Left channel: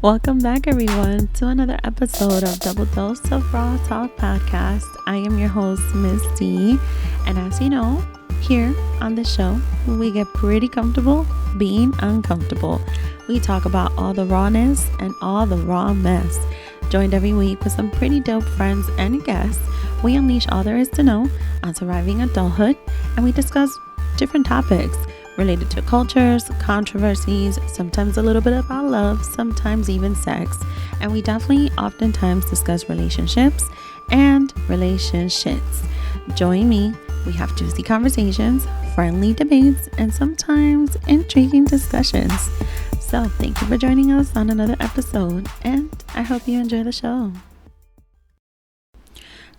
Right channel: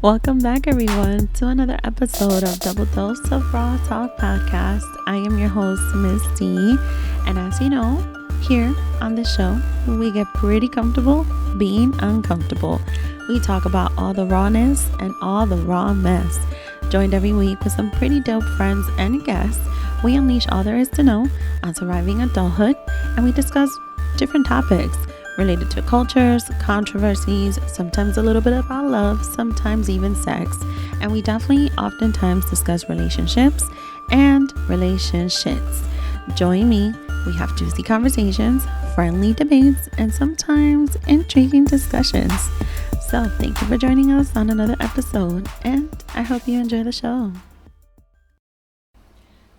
Welcome back, everyone, to another episode of Double Dose of Raw Talk Podcast. I am your host, Miss D, and as you know, here on the show, we get pretty comfortable being uncomfortable. We talk about all the rawness and all the raw mess. Joined every week with some pretty dope friends and guests, we unleash all there is to know on surviving adulthood, and we discuss different topics related to cultures, controversies, sometimes a little bit about love, sometimes even sex. And we definitely oftentimes discuss relationships and relationships. Join me. We have juicy conversations, friendly debates, and sometimes intriguing discussions. So thank you for joining us on another episode, and I hope you enjoy the show.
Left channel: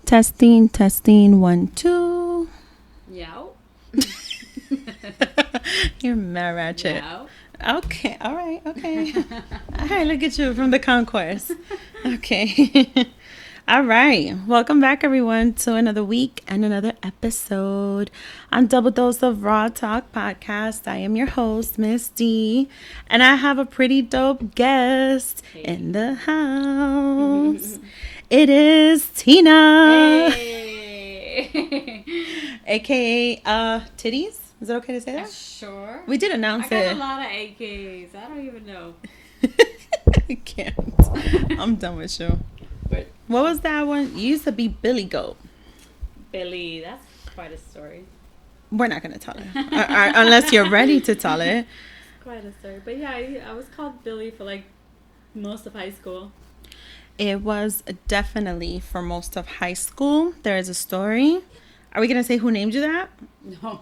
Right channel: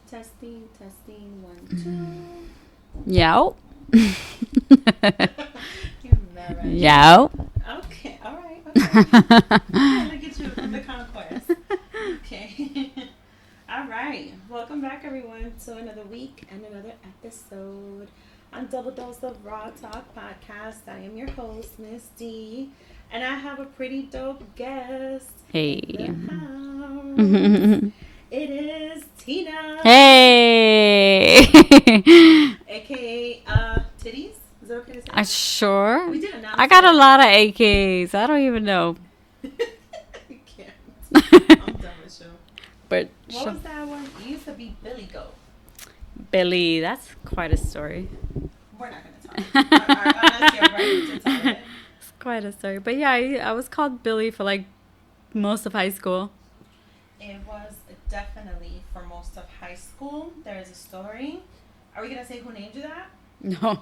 Testing, 1, 2. Yo. You're mad ratchet. Yo. Okay, all right, okay. Okay, look at you from the concourse. Okay. All right. Welcome back, everyone, to another week and another episode on Double Dose of Raw Talk Podcast. I am your host, Miss D, and I have a pretty dope guest in the house. It is Tina. Hey. AKA Titties. Is it okay to say that? Sure. We did announce I got it. a lot of AKs. I don't even know. I can't. I'm done with you. But What was that one? You used to be Billy Goat. Billy? That's quite a story. We're not going to tell it. Unless you're ready to tell it. It's quite a story. But yeah, I was called Billy for like most of high school. It was definitely for most of high school. There is a story. Are we going to say who named you that? No.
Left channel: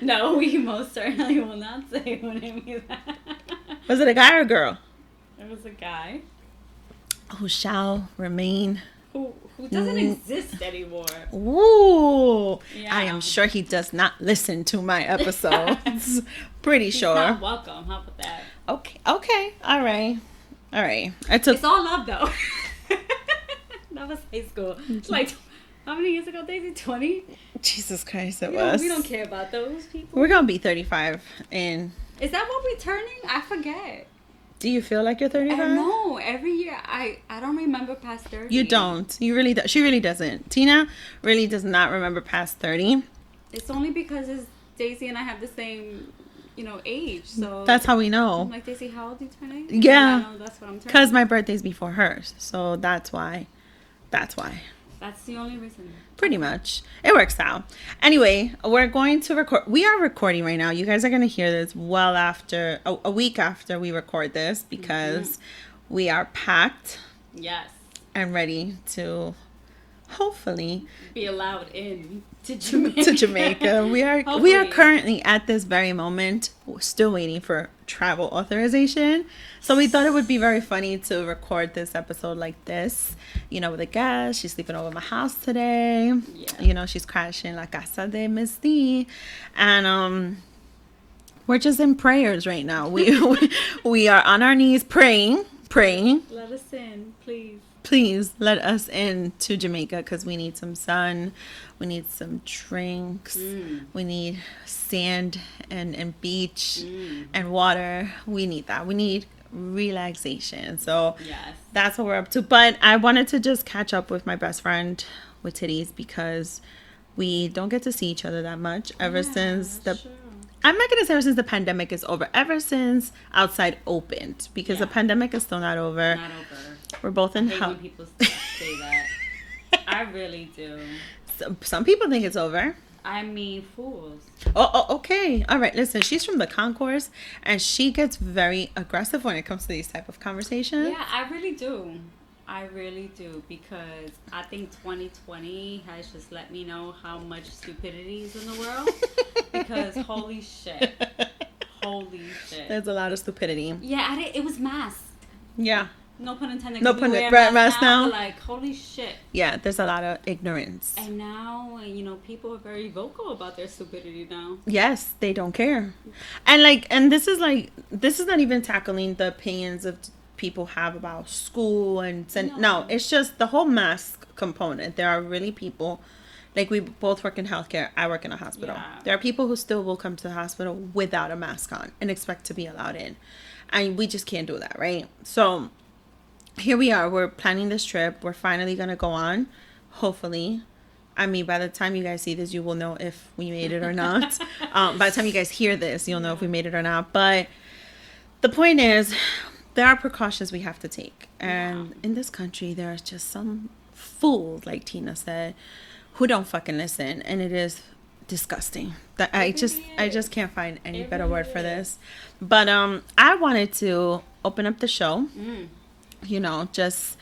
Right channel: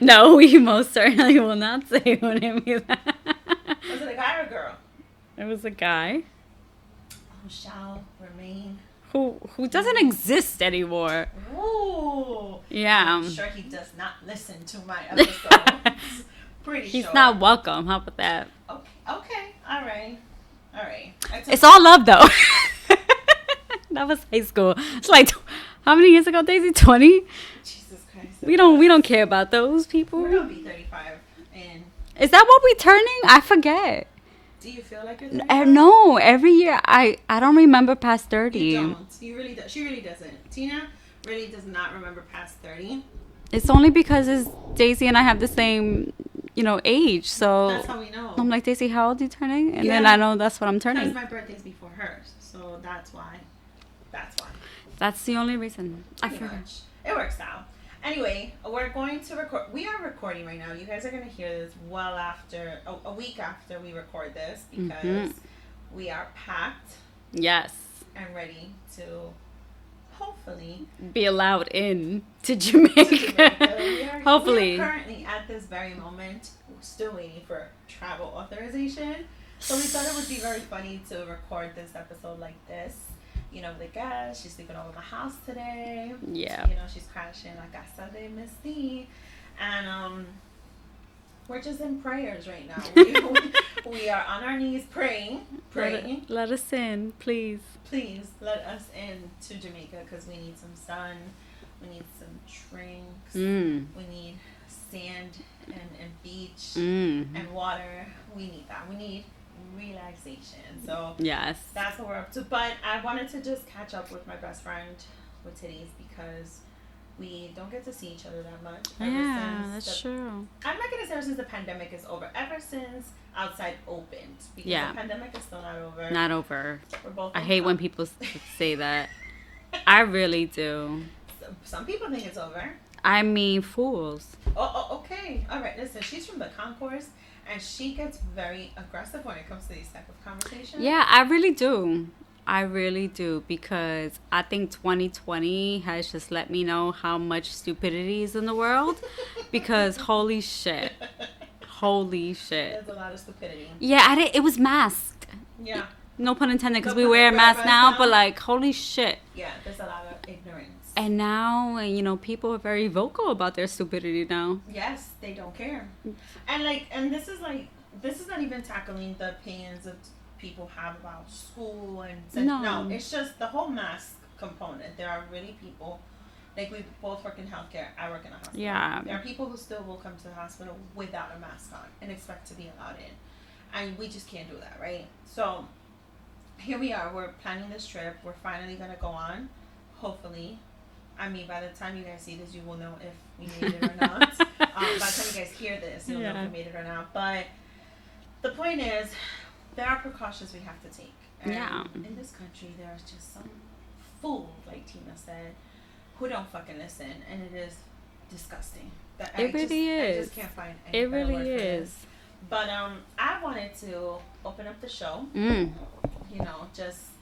No, we most certainly will not say who named me that. Was it a guy or a girl? It was a guy Who shall remain. who doesn't exist anymore. Ooh. Yeah. I am sure he does not listen to my episodes. Pretty He's sure. not welcome. How about that? Okay. All right. It's all love, though. That was high school. It's like, how many years ago, Daisy? 20? Jesus Christ. We don't care about those people. We're going to be 35 in... Is that what we turning? I forget. Do you feel like you're 35? No, every year I don't remember past 30. You don't. You really do. She really doesn't. Tina really does not remember past 30. It's only because Daisy and I have the same, age. So That's how we know. I'm like, Daisy, how old are you turning? And Yeah. then I know that's what I'm turning. Because my birthday's before hers. So that's why. That's the only reason. Pretty much. It works out. Anyway, we're going to record. We are recording right now. You guys are going to hear this well after, a week after we record this, because we are packed Yes. and ready to hopefully Be allowed in to Jamaica. We are Hopefully. currently at this very moment still waiting for travel authorization. So we thought it would be very funny to record this episode like this, with a guest. She's sleeping over my house today. Yeah. She's crashing La Casa de Miss D. And we're just in prayers right now. We are on our knees praying. Let us in, please. Please let us in to Jamaica, because we need some sun, we need some drinks, we need sand and beach and water. We need that. We need relaxation. So Yes. that's what we're up to. But I wanted to just catch up with my best friend with Titties, because we don't get to see each other that much ever since that's true. I'm not going to say ever since the pandemic is over. Ever since outside opened, because the Yeah. pandemic is still not over. Not over. We're both I in hate when people say that. I really do. Some people think it's over. I mean, fools. Oh, okay. All right. Listen, she's from the concourse, and she gets very aggressive when it comes to these type of conversations. Yeah, I really do. Because I think 2020 has just let me know how much stupidity is in the world. Because holy shit. There's a lot of stupidity. Yeah, it was masked. Yeah. No pun intended, No because pun- we wear wear masks mask now, now. but like, holy shit. Yeah, there's a lot of ignorance. And now, people are very vocal about their stupidity now. Yes, they don't care. And this is not even tackling the opinions of people have about school and no, it's just the whole mask component. There are really people, like, we both work in healthcare. I work in a hospital. Yeah. There are people who still will come to the hospital without a mask on and expect to be allowed in. And we just can't do that, right? So here we are. We're planning this trip. We're finally going to go on. Hopefully. I mean, by the time you guys see this, you will know if we made it or not. By the time you guys hear this, you'll know if we made it or not. But the point is, there are precautions we have to take. And in this country, there is just some fool, like Tina said, who don't fucking listen. And it is disgusting. That I just can't find any better word for this. But I wanted to open up the show. You know, just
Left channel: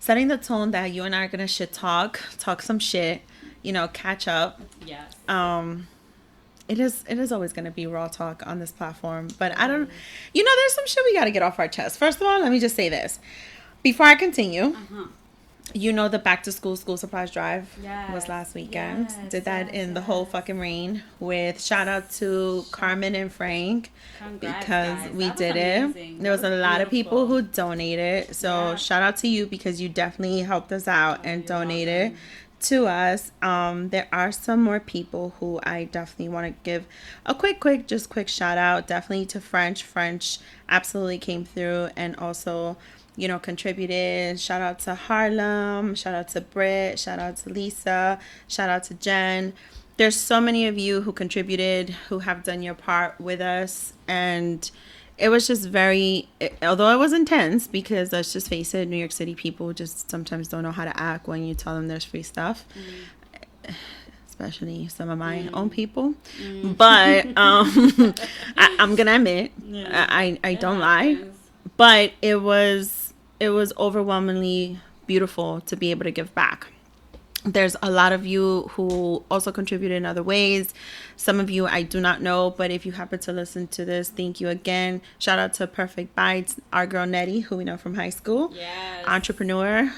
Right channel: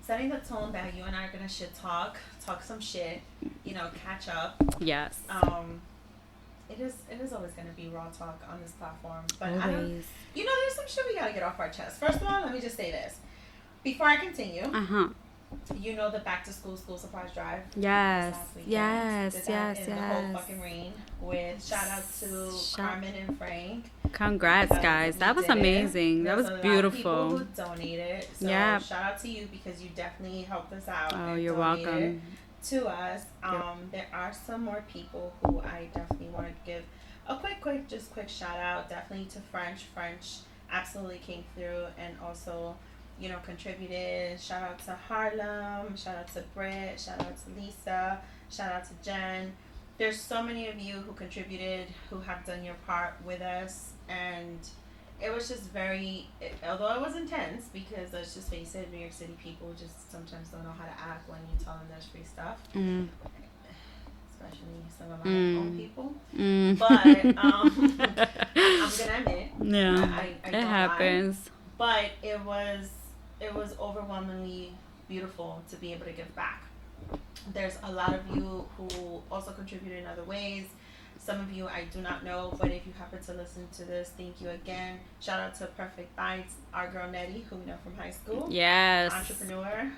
setting the tone that you and I are gonna talk some shit, you know, catch up. Yes. It is always gonna be raw talk on this platform, but I don't, you know, there's some shit we gotta get off our chest. First of all, let me just say this before I continue. You know, the back to school supplies drive was last weekend. Did that in the whole fucking rain with shout out to Carmen and Frank. Congrats, guys. That was amazing. There was a lot of people who donated. So shout out to you because you definitely helped us out and donated to us. There are some more people who I definitely want to give a quick shout out. Definitely to French absolutely came through and also, you know, contributed. Shout out to Harlem, shout out to Britt, shout out to Lisa, shout out to Jen. There's so many of you who contributed, who have done your part with us, and it was just although it was intense, because let's just face it, New York City people just sometimes don't know how to act when you tell them there's free stuff. Especially some of my own people. But I'm gonna admit, I don't lie, but it was overwhelmingly beautiful to be able to give back. There's a lot of you who also contributed in other ways. Some of you I do not know, but if you happen to listen to this, thank you again. Shout out to Perfect Bites, our girl Netty, who we know from high school. Yes. Entrepreneur.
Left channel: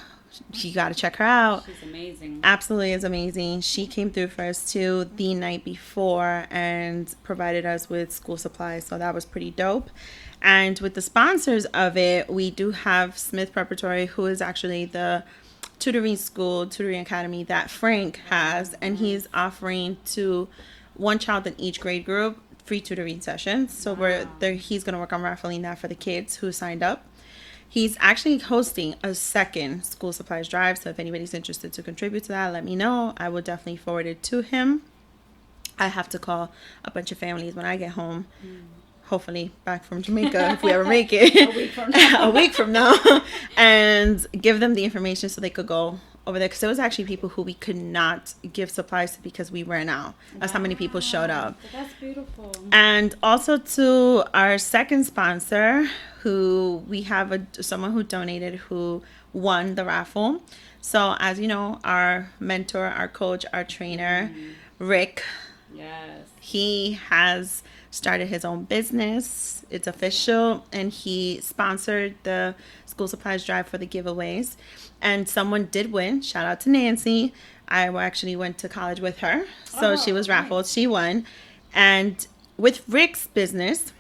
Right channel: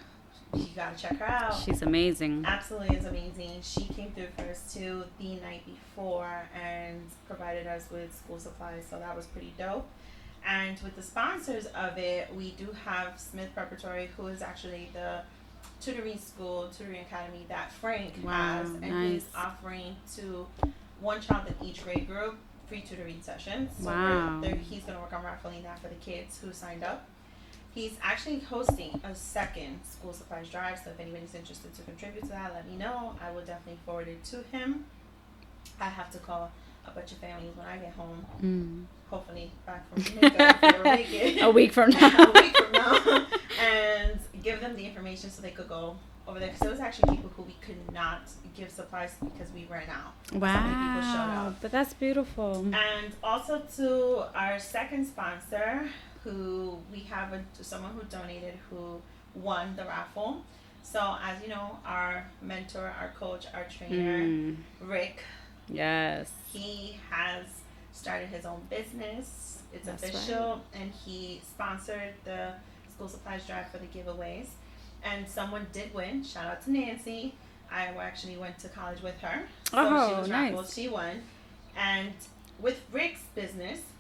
You got to check her out. She's amazing. Absolutely is amazing. She came through for us too the night before and provided us with school supplies. So that was pretty dope. And with the sponsors of it, we do have Smith Preparatory, who is actually the tutoring academy that Frank has. And he's offering to one child in each grade group free tutoring sessions. So he's going to work on raffling that for the kids who signed up. He's actually hosting a second school supplies drive. So if anybody's interested to contribute to that, let me know. I will definitely forward it to him. I have to call a bunch of families when I get home. Hopefully back from Jamaica, if we ever make it. A week from now. And give them the information so they could go over there. Because there was actually people who we could not give supplies to because we ran out. That's how many people showed up. But that's beautiful. And also to our second sponsor, who we have someone who donated who won the raffle. So as you know, our mentor, our coach, our trainer, Rick. Yes. He has started his own business. It's official. And he sponsored the school supplies drive for the giveaways. And someone did win. Shout out to Nancy. I actually went to college with her. So she was raffled. Nice. She won. And with Rick's business,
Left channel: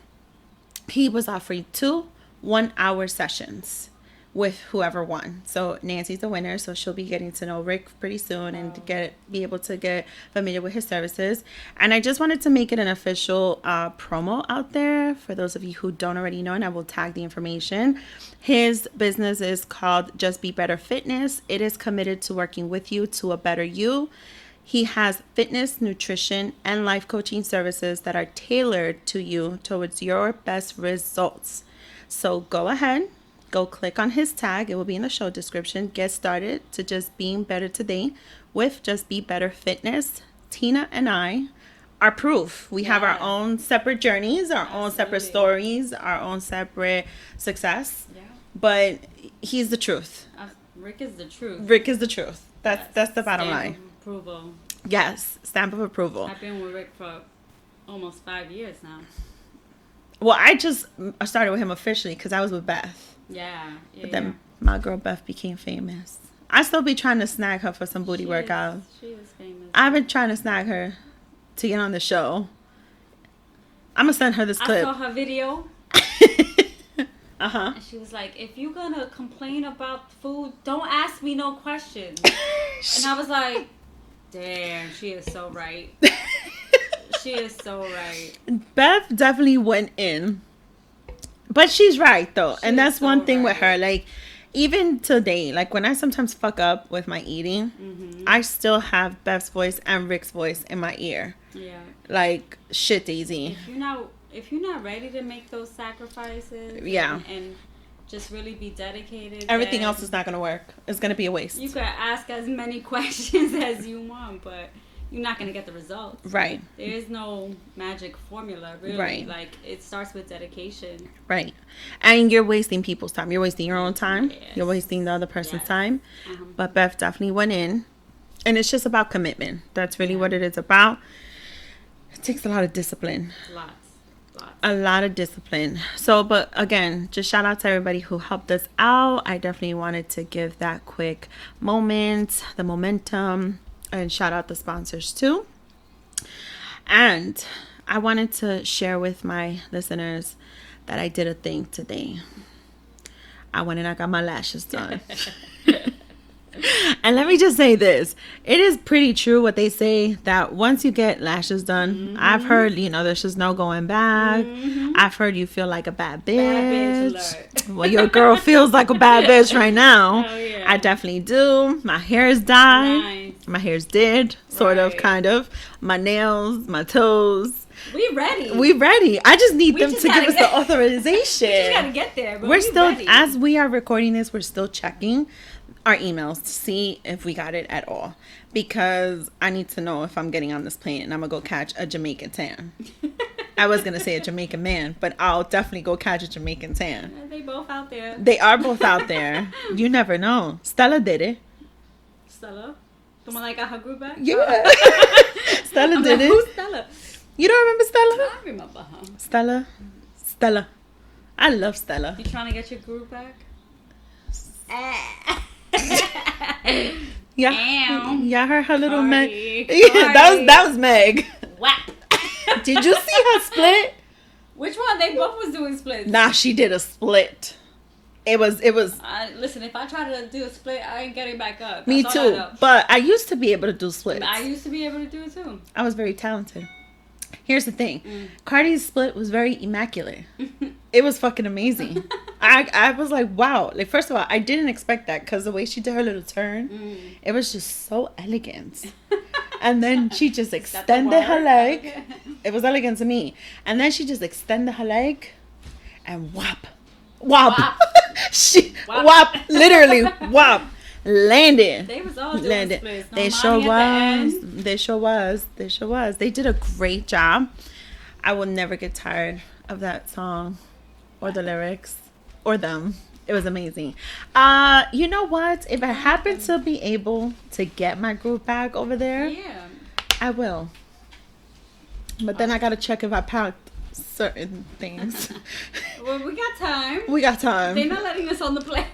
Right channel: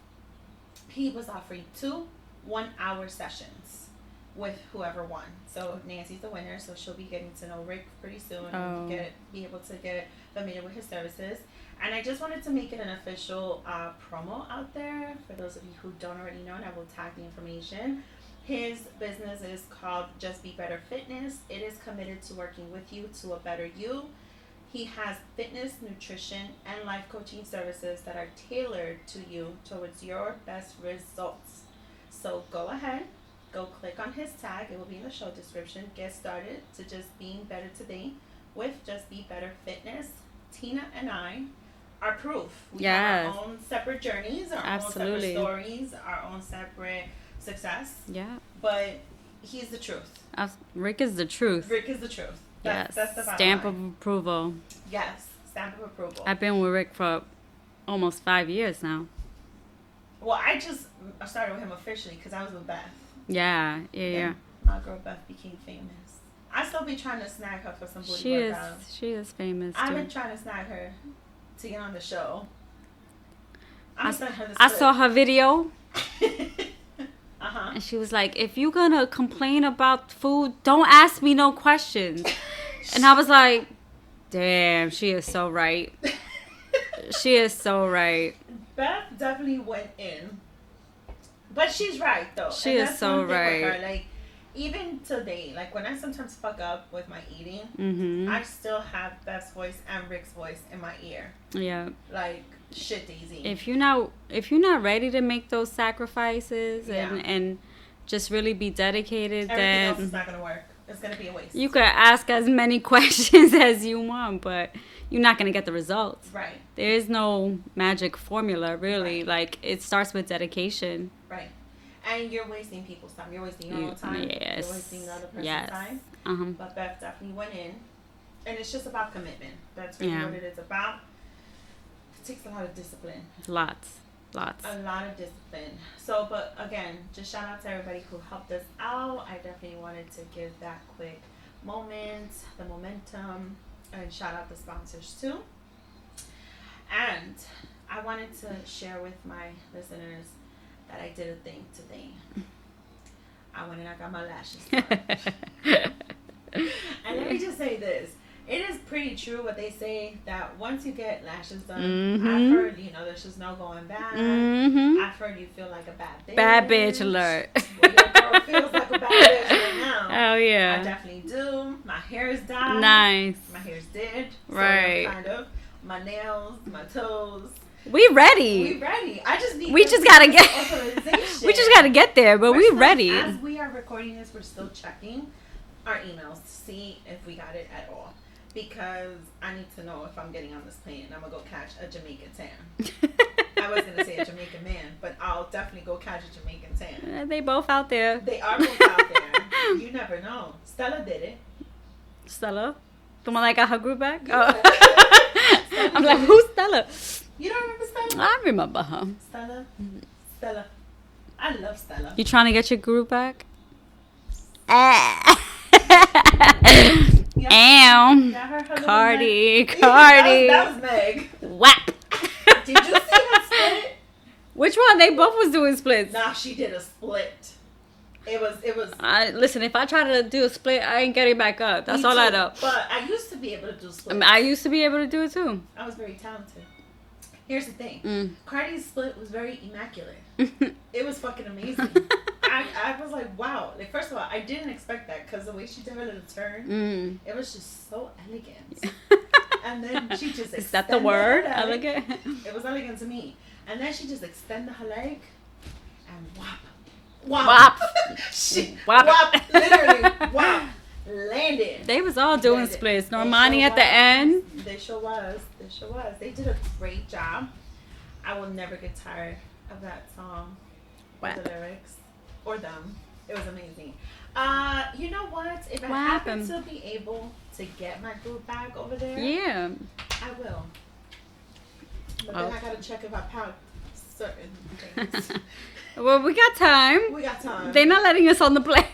he was offering 2 1-hour sessions with whoever won. So Nancy's the winner, so she'll be getting to know Rick pretty soon and be able to get familiar with his services. And I just wanted to make it an official promo out there for those of you who don't already know, and I will tag the information. His business is called Just Be Better Fitness. It is committed to working with you to a better you. He has fitness, nutrition, and life coaching services that are tailored to you towards your best results. So go ahead. Go click on his tag. It will be in the show description. Get started to just being better today with Just Be Better Fitness. Tina and I are proof. We have our own separate journeys, our own separate stories, our own separate success. Yeah. But he's the truth. Rick is the truth. Rick is the truth. That's the bottom line. Stamp of approval. Yes, stamp of approval. I've been with Rick for almost 5 years now. Well, I just started with him officially because I was with Beth. Yeah. But then my girl Beth became famous. I still be trying to snag her for some booty workouts. She is famous. I've been trying to snag her to get on the show. I'm gonna send her this clip. I saw her video. And she was like, if you're gonna complain about food, don't ask me no questions. And I was like, damn, she is so right. She is so right. Beth definitely went in. But she's right though, She and is that's so one thing with her. right. Like, even today, like when I sometimes fuck up with my eating, I still have Beth's voice and Rick's voice in my ear. Yeah. Like, shit, Daisy. If you're not ready to make those sacrifices, Yeah. and just really be dedicated, Everything then else is not gonna work. It's gonna be a waste. you could ask as many questions as you want, but you're not gonna get the results. Right. There is no magic formula, really. Right. Like, it starts with dedication. Right. And you're wasting people's time. You're wasting your own time. Yes. You're wasting the other person's Yes. time. Uh-huh. But Beth definitely went in. And it's just about commitment. That's really Yeah. what it is about. It takes a lot of discipline. Lots. A lot of discipline. So, but again, just shout out to everybody who helped us out. I definitely wanted to give that quick moment, the momentum, and shout out the sponsors too. And I wanted to share with my listeners that I did a thing today. I went and I got my lashes done. And let me just say this. It is pretty true what they say that once you get lashes done, I've heard, there's just no going back. I've heard you feel like a bad bitch. Bad bitch alert. Well, your girl feels like a bad bitch right now. Hell yeah. I definitely do. My hair is dyed. Nice. My hair's dead. Sort of, Right. kind of. My nails, my toes. We ready. We ready. I just need them just to gotta give us get- the authorization. We just gotta get there, but We're we still, ready. As we are recording this, we're still checking our emails to see if we got it at all. Because I need to know if I'm getting on this plane and I'm going to go catch a Jamaican tan. I was going to say a Jamaican man, but I'll definitely go catch a Jamaican tan. They both out there. They are both out there. You never know. Stella did it. Stella? The one that got her group back? Yeah. Oh. Stella I'm did like, it. who's Stella? You don't remember Stella? I remember her. Stella. I love Stella. You trying to get your group back? Yeah. Ow. Yeah, her little Cardi. Meg. Yeah, Cardi. that was Meg. Whap. Did you see her split? Which one? They both was doing splits. Nah, she did a split. It was. Listen, if I try to do a split, I ain't getting back up. That's Me all I too. know. But I used to be able to do splits. I used to be able to do it too. I was very talented. Here's the thing. Cardi's split was very immaculate. It was fucking amazing. I was like, wow. Like, first of all, I didn't expect that because the way she did her little turn, it was just so elegant. And then she just extended her leg. Elegant? It was elegant to me. And then she just extended her leg and whop. Whop. Whop. Literally, whop. Landed. They was all doing Landed. splits. No They money sure at the end. They sure was. They did a great job. I will never get tired of that song or the lyrics or them. It was amazing. You know what? If I happen to be able to get my group bag over there, Yeah. I will. But then I gotta check if I packed certain things. Well, we got time. We got time. They're not letting us on the plane.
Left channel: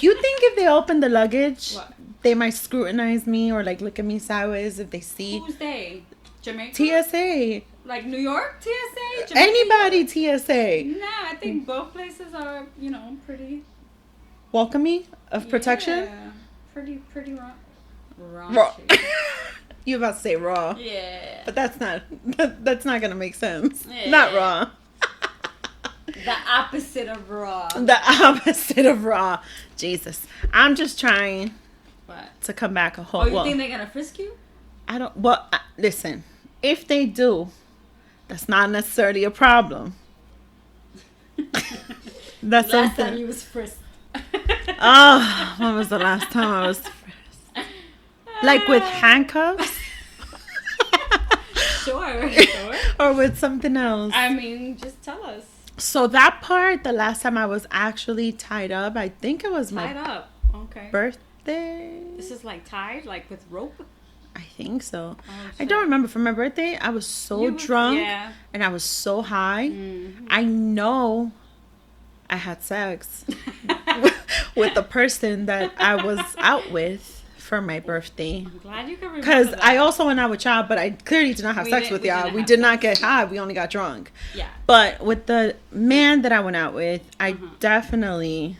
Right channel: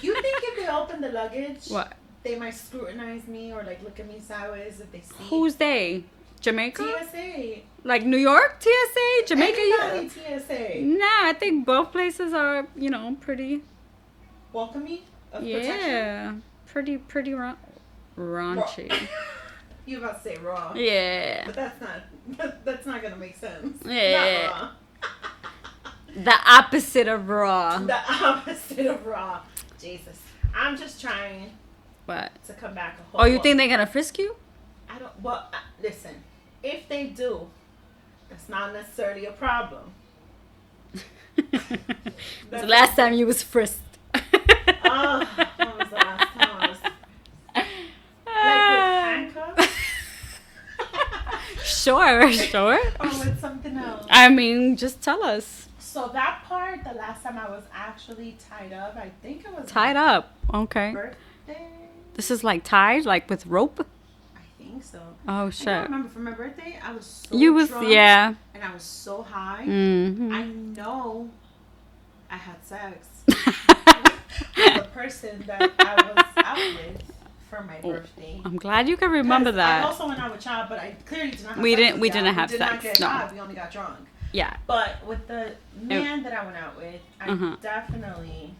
You think if they open the luggage, What? they might scrutinize me or like look at me sideways if they see Who's they? Jamaica? TSA? Like New York? TSA? Jamaica? Anybody TSA? Nah, I think both places are, pretty... Welcoming of protection? Yeah. Pretty raunchy. You about to say raw. Yeah. But that's not gonna make sense. Yeah. Not raw. The opposite of raw. The opposite of raw. Jesus. I'm just trying What? to come back a whole Oh, you think they're gonna frisk you? I don't listen, if they do, that's not necessarily a problem. That's Last something- time you was frisked. Oh, when was the last time I was frisked? Like with handcuffs? Sure. Or with something else? I mean, just tell us. So that part, the last time I was actually tied up, I think it was Tied my up. Okay. birthday. This is like tied, like with rope? I think so. Oh, I shit. don't remember. For my birthday, I was so drunk. Yeah. And I was so high. Mm-hmm. I know I had sex with the person that I was out with for my birthday. I'm glad you can remember Because that. I also went out with y'all, but I clearly did not have sex with y'all. We did not get high. We only got drunk. Yeah. But with the man that I went out with, I definitely,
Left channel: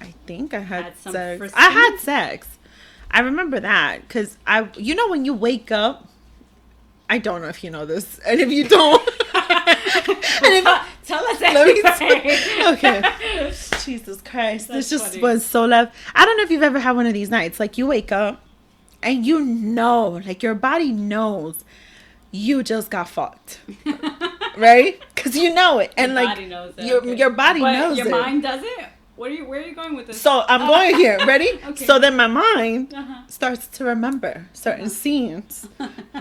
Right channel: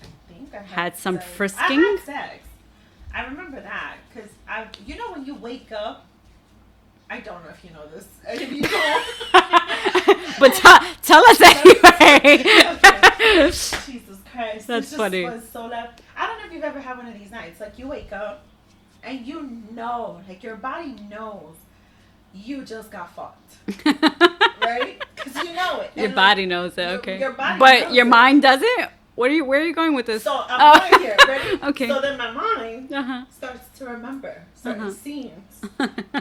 I think I had some sex. frisking? I had sex. I remember that because when you wake up, I don't know if you know this, and if you don't, But tell us anyway. Okay. Jesus Christ. That's this just funny. was so left. I don't know if you've ever had one of these nights. Like, you wake up and you know, like, your body knows you just got fucked. Right? Because you know it. Your And body knows it. Your body but knows your it. mind doesn't? Where are you going with this? So I'm going here. Ready? Okay. So then my mind Uh-huh. starts to remember certain scenes.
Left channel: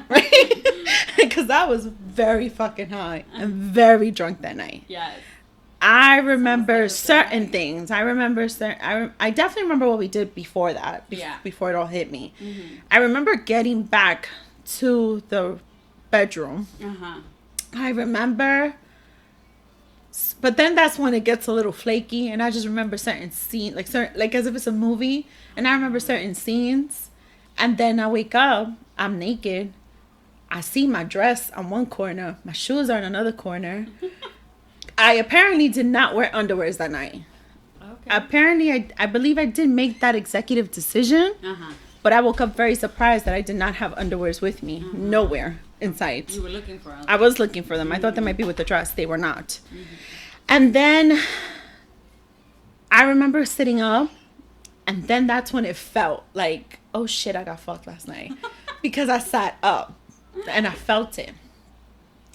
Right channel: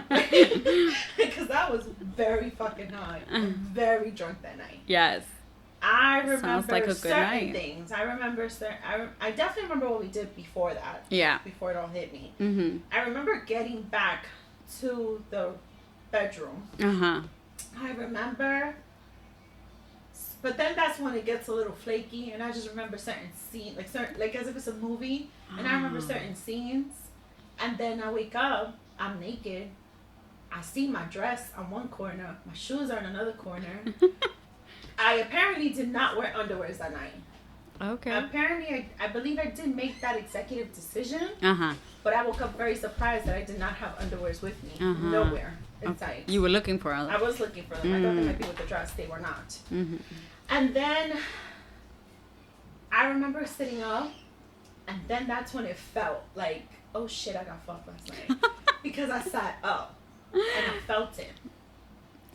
Right? Because I was very fucking high and very drunk that night. Yes. I like remember a good certain night. things. I remember I definitely remember what we did before that. Yeah. Before it all hit me. Mm-hmm. I remember getting back to the bedroom. Uh-huh. I remember, but then that's when it gets a little flaky, and I just remember certain scenes, like as if it's a movie, and I remember certain scenes, and then I wake up, I'm naked, I see my dress on one corner, my shoes are in another corner. I apparently did not wear underwears that night. Okay. Apparently, I believe I did make that executive decision, Uh-huh. but I woke up very surprised that I did not have underwears with me, nowhere in sight. You were looking for I was looking for them. Mm-hmm. I thought they might be with the dress. They were not. Mm-hmm. And then I remember sitting up, and then that's when it felt like, oh shit, I got fucked last night. Because I sat up and I felt it.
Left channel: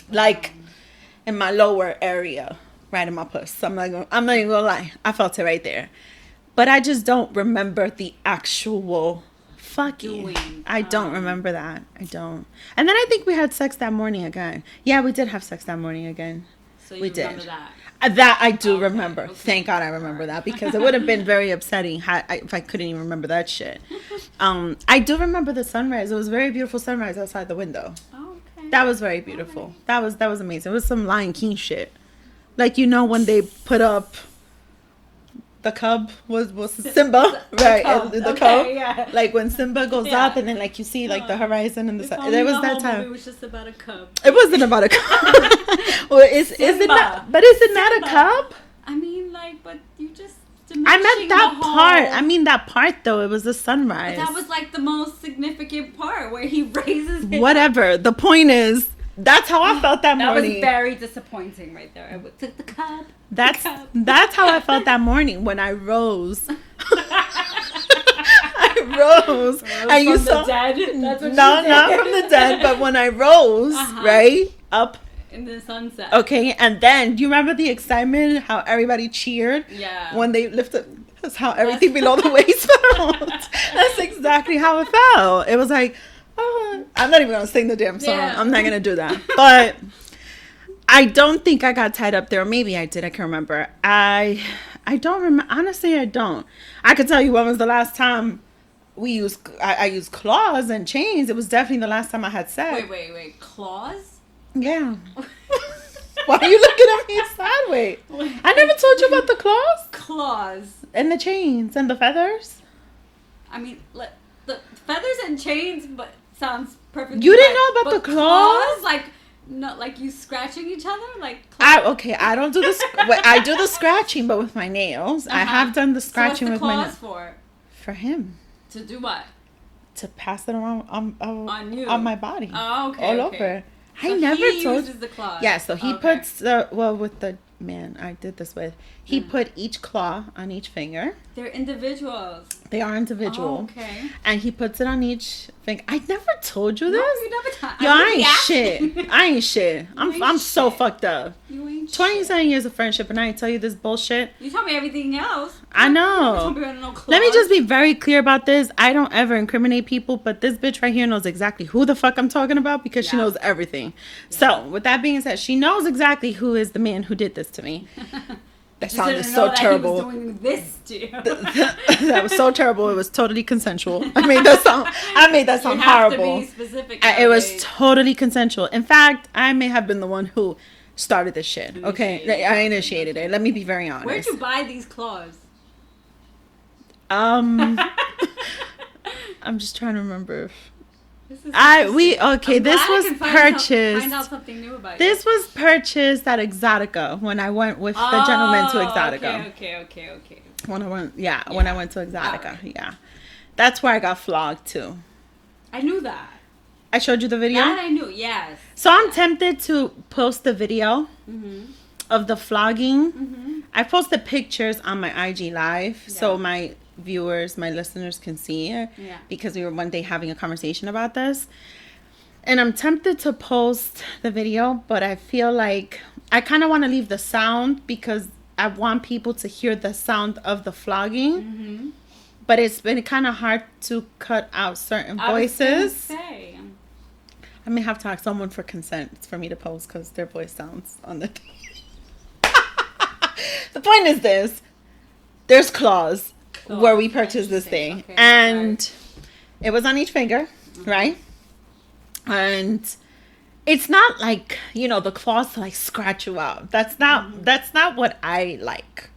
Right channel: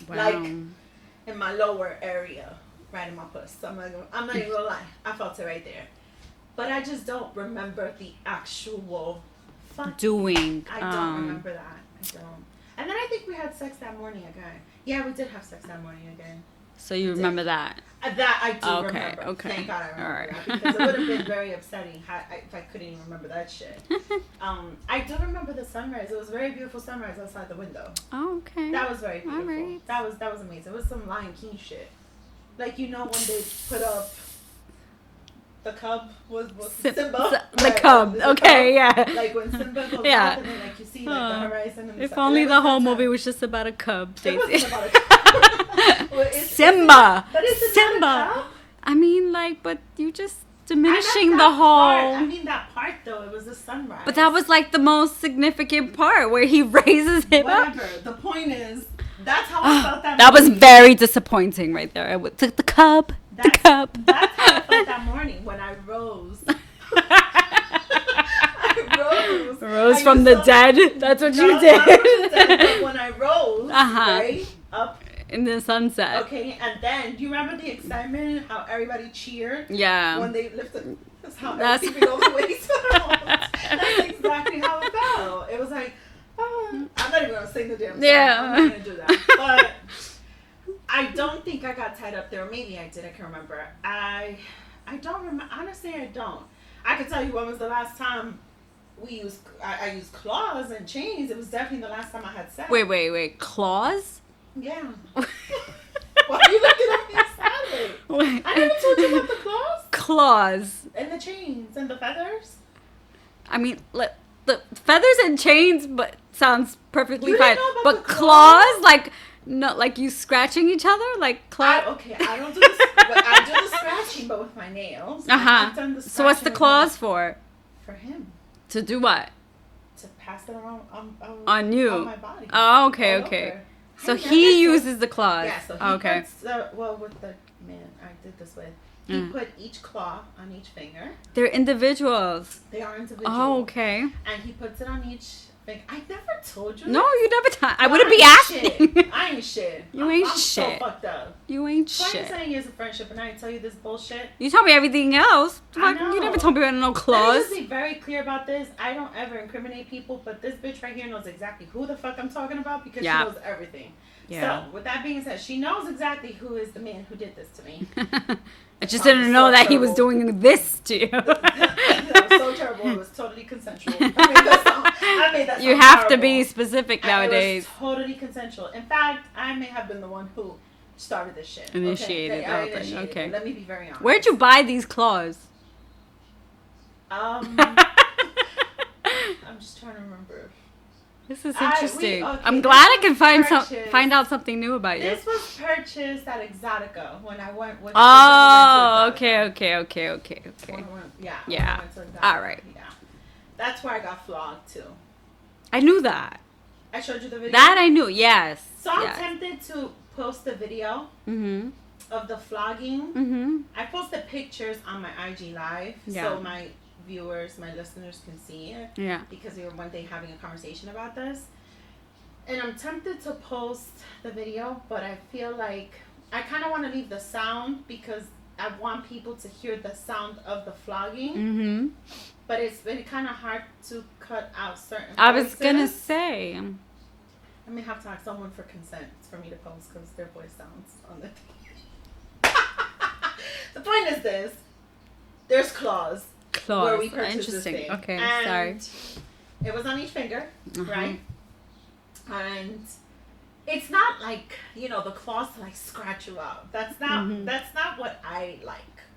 Wow. Like in my lower area, right in my puss. I'm not even gonna lie. I felt it right there. But I just don't remember the actual fucking doing. I don't remember that. I don't. And then I think we had sex that morning again. Yeah, we did have sex that morning again. So you did. remember that? That I do Okay, remember. okay. Thank God I remember that, because it would have been very upsetting if I couldn't even remember that shit. I do remember the sunrise. It was a very beautiful sunrise outside the window. Oh, okay. That was very beautiful. Alright. That was amazing. It was some Lion King shit. Like, you know, when they put up the cub was Simba, The cub. the Okay, cub. yeah. Like when Simba goes Yeah. up and then like you see like the horizon and the If sun. only It was the that whole time. movie was just about a cub. It wasn't about a cub. Well, is it Simba. not, but is it not Simba. a cub? I mean, like, but you just I diminishing meant the that whole. part. I mean that part though. It was the sunrise. But that was like the most significant part where he raises it. whatever. The point is, that's how I felt that That was morning. very disappointing right there. I took the cub. That's the cub. that's how I felt that morning when I rose. I rose. And you from the saw- dead. That's what No, you did. not from the dead, but when I rose, right up. In the sunset. Okay, and then do you remember the excitement? How everybody cheered Yeah. when they lifted. That's how everything below the waist felt. That's exactly how it felt. It was like, oh, I'm not even gonna sing the damn song. Yeah. I'm not gonna do that. But I don't think I got tied up there. Maybe I did. I can't remember. I don't remember. Honestly, I don't. I could tell you when was the last time I used claws and chains. It was definitely the last time I had sex. Wait. Claws? Yeah. Why are you looking at me sideways? I never told you about the claws Claws. and the chains and the feathers. I mean, the feathers and chains, but sounds perfectly You didn't fine. know about but the claws? Like, no, like you scratching each other, like claws. I don't do the I do the scratching, but with my nails. I have done the So what's scratching. the with claws for? For him To do what? to pass it around On you. on my body. Oh, okay, all okay. over. So I never he told- uses the claws. Yeah, so he Okay. puts with the man I did this with. He put each claw on each finger. They're individuals. They are individual. Oh, okay. And he puts it on each finger. I never told you No, this. you never time. Yo, I wouldn't be ain't asking. shit. I ain't shit. ain't I'm so shit. fucked up. You ain't 27 shit. years of friendship, and I tell you this bullshit. You told me everything else. I know. You never told me about no claws. Let me just be very clear about this. I don't ever incriminate people, but this bitch right here knows exactly who the fuck I'm talking about because she Yeah. knows everything. Yeah. So, with that being said, she knows exactly who is the man who did this to me. I It just sounded didn't so know that he terrible. was doing this to you. That was so terrible. It was totally consensual. I made that sound. You have to horrible. be specific It nowadays. was totally consensual. In fact, I may have been the one who started this shit. Initiated. Okay, I Okay, initiated okay. it. Let me be very honest. Where'd you buy these claws? I'm just trying to remember. This is I'm interesting. this glad I was can purchased. find out something new about you. This was purchased at Exotica when I went with the gentleman to Exotica. Okay. When I went, when Yeah. I went to Exotica, Alright. yeah, that's where I got flogged too. I knew that. I showed you the video. That I knew. Yes. So I'm tempted to post the video Mm-hmm. of the flogging. Mm-hmm. I posted pictures on my IG live, Yeah. so my viewers, my listeners can see it. Yeah. Because we were one day having a conversation about this. And I'm tempted to post the video, but I feel like I kind of want to leave the sound because I want people to hear the sound of the flogging. Mm-hmm. But it's been kind of hard to cut out certain voices. I was gonna say. I may have to ask someone for consent for me to post because their voice sounds on the... The point is this. There's claws where we purchased this thing. Okay, and it was on each finger, right? And it's not like, you know, the claws to like scratch you out. That's not what I like.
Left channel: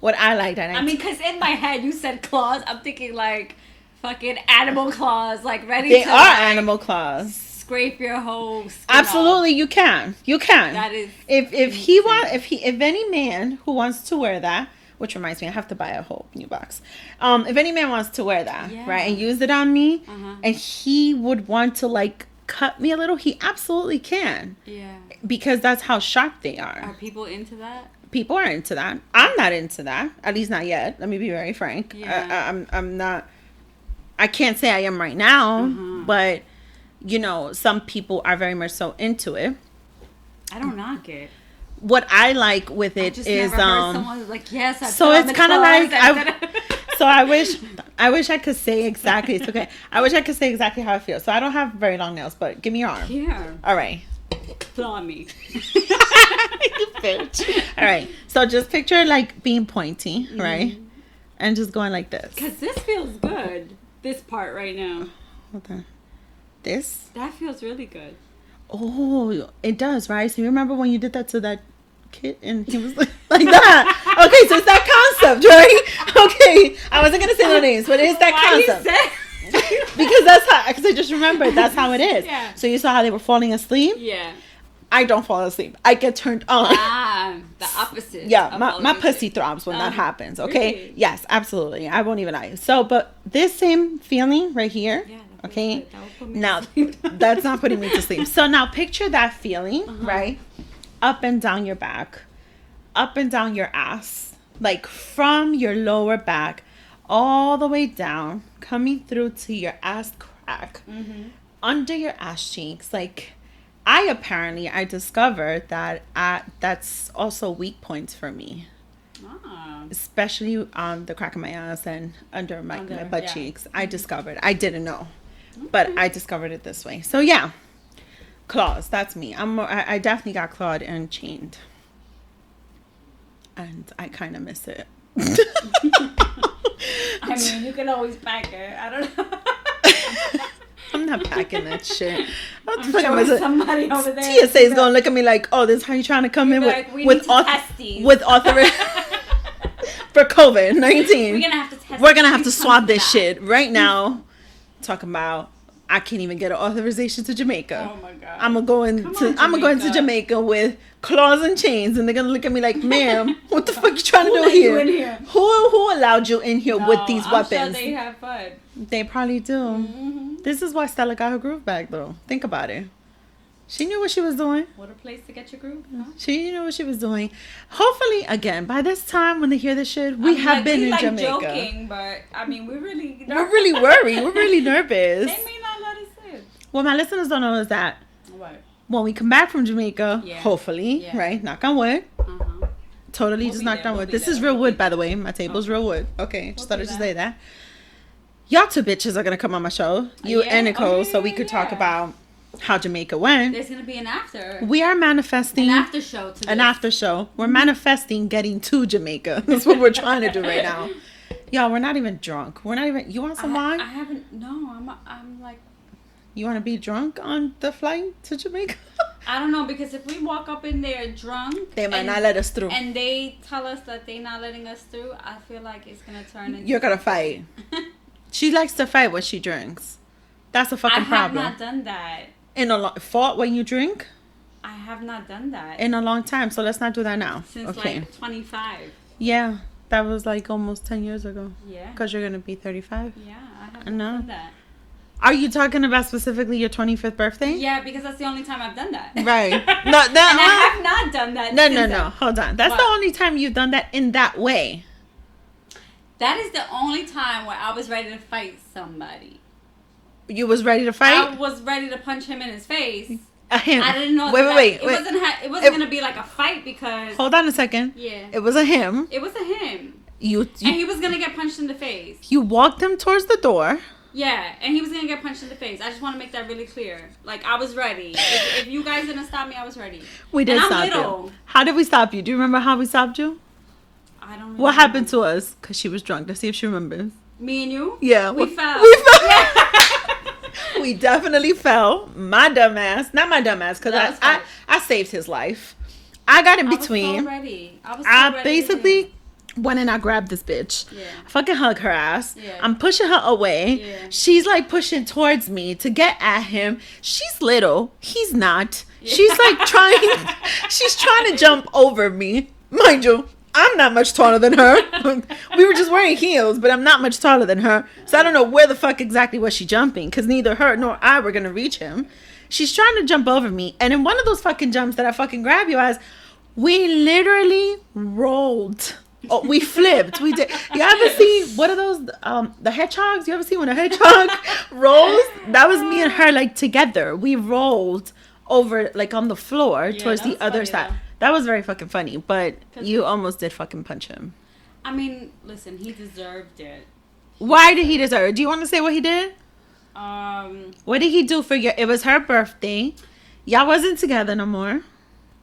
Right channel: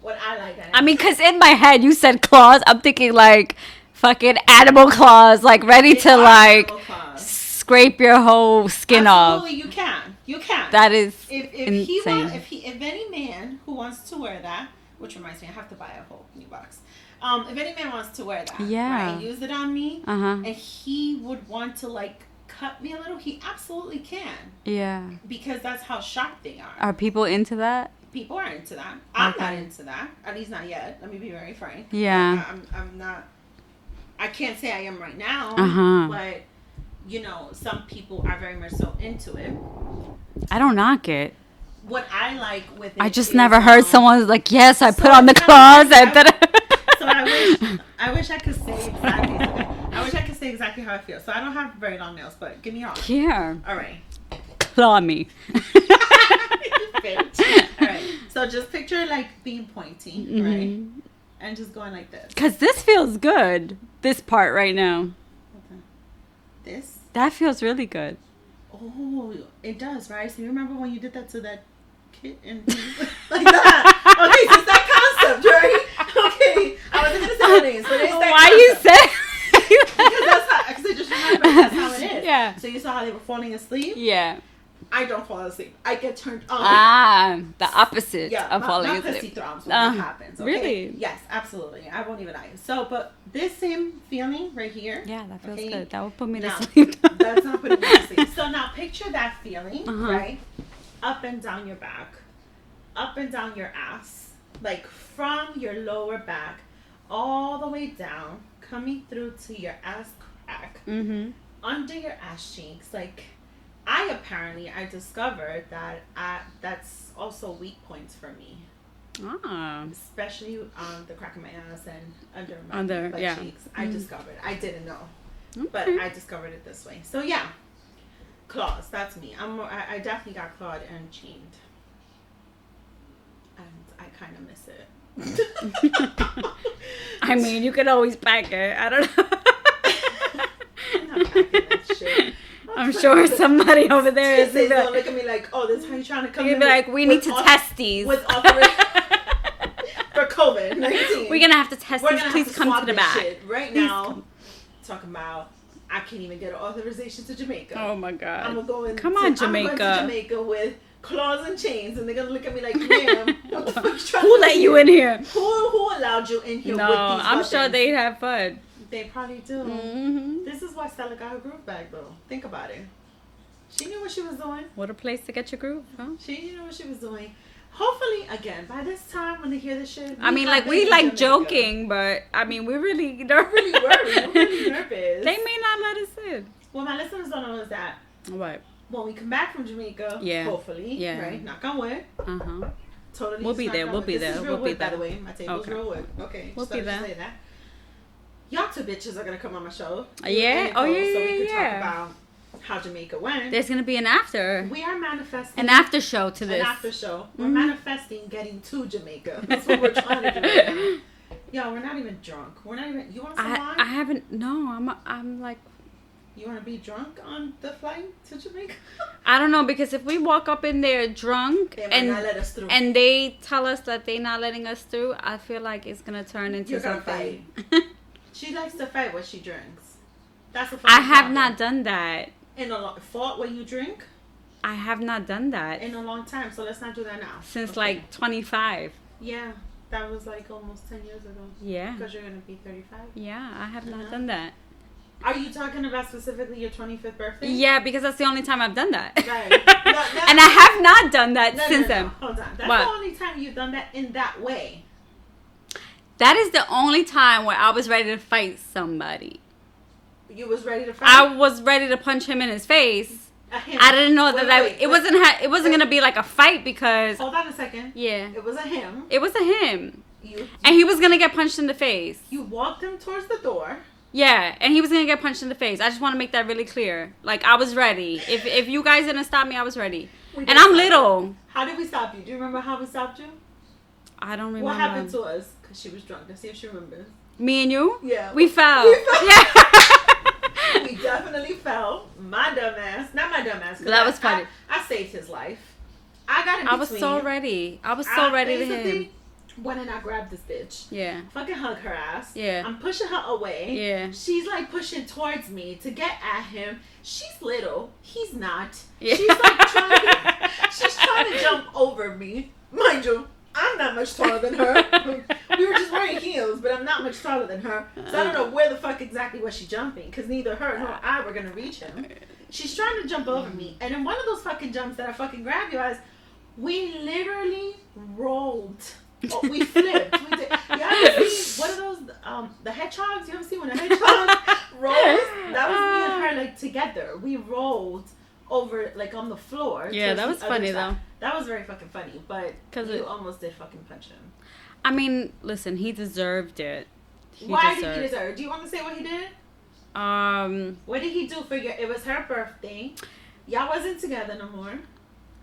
What I like. I mean, because in my head you said claws. I'm thinking like fucking animal claws, like ready to like animal claws. Scrape your whole skin off. Absolutely, you can. You can. That is if any man who wants to wear that, which reminds me, I have to buy a whole new box. If any man wants to wear that, right, and use it on me, and he would want to like cut me a little, he absolutely can. Yeah. Because that's how sharp they are. Are people into that? People are into that. I'm not into that. At least not yet. Let me be very frank. Yeah. I'm not. I can't say I am right now, but you know, some people are very much so into it. I don't knock it. What I like with it, I just never heard someone like, yes, I put on the like, claws. So I wish I could say exactly. It's okay. I wish I could say exactly how I feel. So I don't have very long nails, but give me your arm. Yeah. All right. Claw me. You bitch. All right. So just picture it like being pointy, right? And just going like this. Because this feels good. This part right now. Hold on. This? That feels really good. Oh, it does, right? So you remember when you did that to that kid and he was like that? Okay, so it's that concept, right? Okay, I wasn't gonna say their names, but it's that concept. Why you said? Because that's how. Because I just remembered that's how it is. Yeah. So you saw how they were falling asleep. Yeah. I don't fall asleep. I get turned on. Ah, the opposite. Yeah, my pussy throbs when that happens. Okay. Really? Yes, absolutely. I won't even lie. So, but this same feeling right here. Yeah, that feels good. That will put me now, to sleep. That's not putting me to sleep. So now picture that feeling, right? Up and down your back, up and down your ass, like from your lower back, all the way down, coming through to your ass crack, under your ass cheeks, like. I discovered that that's also weak points for me. Especially on the crack of my ass and under my butt cheeks. I discovered. I didn't know. Okay. But I discovered it this way. So yeah. Claws, that's me. I definitely got clawed and chained. And I kind of miss it. I mean, you can always pack it. I don't know. I'm not packing that shit. I'm sure somebody over there TSA is gonna look at me like, "Oh, this is how you trying to come in like, we need to test these with authorization for COVID-19. We're gonna have to test. We're gonna have to swab this shit right now." Talking about, I can't even get an authorization to Jamaica. Oh my god! I'm going to Jamaica with claws and chains, and they're gonna look at me like, "Ma'am, what the fuck you trying to do Who let you in here? Who allowed you in here with these weapons?" I'm sure they'd have fun. They probably do. This is why Stella got her groove back, though. Think about it. She knew what she was doing. What a place to get your groove, huh? She knew what she was doing. Hopefully, again, by this time when they hear this shit, we like joking, but I mean, we're really worried. We're really nervous. They may not let us in. What my listeners don't know is that when we come back from Jamaica, hopefully, right? Knock on wood. Totally just knocked on wood. This is real wood, by the way. My table's real wood. Okay, just thought I'd just say that. Y'all two bitches are gonna come on my show, you and Nicole, so we could talk about how Jamaica went. There's gonna be an after. We are manifesting an after show to this. An after show. We're manifesting getting to Jamaica. That's what we're trying to do right now. Y'all, we're not even drunk. We're not even. You want some wine? I haven't. No, I'm like. You want to be drunk on the flight to Jamaica? I don't know, because if we walk up in there drunk, they might not let us through, and they tell us that they're not letting us through, I feel like it's gonna turn into. You're gonna fight. She likes to fight when she drinks. That's a fucking problem. I have not done that. Fought when you drink? I have not done that. In a long time, so let's not do that now. Since like 25. Yeah, that was like almost 10 years ago. Yeah. Because you're going to be 35. Yeah, I have not done that. Are you talking about specifically your 25th birthday? Yeah, because that's the only time I've done that. Right. And I have not done that since then. No. Hold on. That's the only time you've done that in that way. That is the only time where I was ready to fight somebody. You was ready to fight? I was ready to punch him in his face. Him. I didn't know it wasn't gonna be like a fight because. Hold on a second. Yeah. It was a him. It was a him. And he was gonna get punched in the face. You walked him towards the door. Yeah, and he was gonna get punched in the face. I just want to make that really clear. Like, I was ready. If you guys didn't stop me, I was ready. We did. And I'm little. You. How did we stop you? Do you remember how we stopped you? I don't remember. What happened to us? Because she was drunk. Let's see if she remembers. Me and you? Yeah. We fell. Yeah. We definitely fell. My dumb ass. Not my dumb ass, because I saved his life. I got in between. I was so ready. I basically went and I grabbed this bitch. Yeah. I fucking hug her ass. Yeah. I'm pushing her away. Yeah. She's like pushing towards me to get at him. She's little. He's not. Yeah. She's like she's trying to jump over me. Mind you, I'm not much taller than her. We were just wearing heels, but I'm not much taller than her. So I don't know where the fuck exactly was she jumping, because neither her nor I were going to reach him. She's trying to jump over me. And in one of those fucking jumps that I fucking grab you as, we literally rolled. Oh, we flipped. We did. You ever see, what are those, the hedgehogs? You ever see when a hedgehog rolls? That was me and her, like, together. We rolled over, like, on the floor towards the other side. Though. That was very fucking funny, but you almost did fucking punch him. I mean, listen, he deserved it. Why did he deserve it? Do you want to say what he did? What did he do for you? It was her birthday. Y'all wasn't together no more.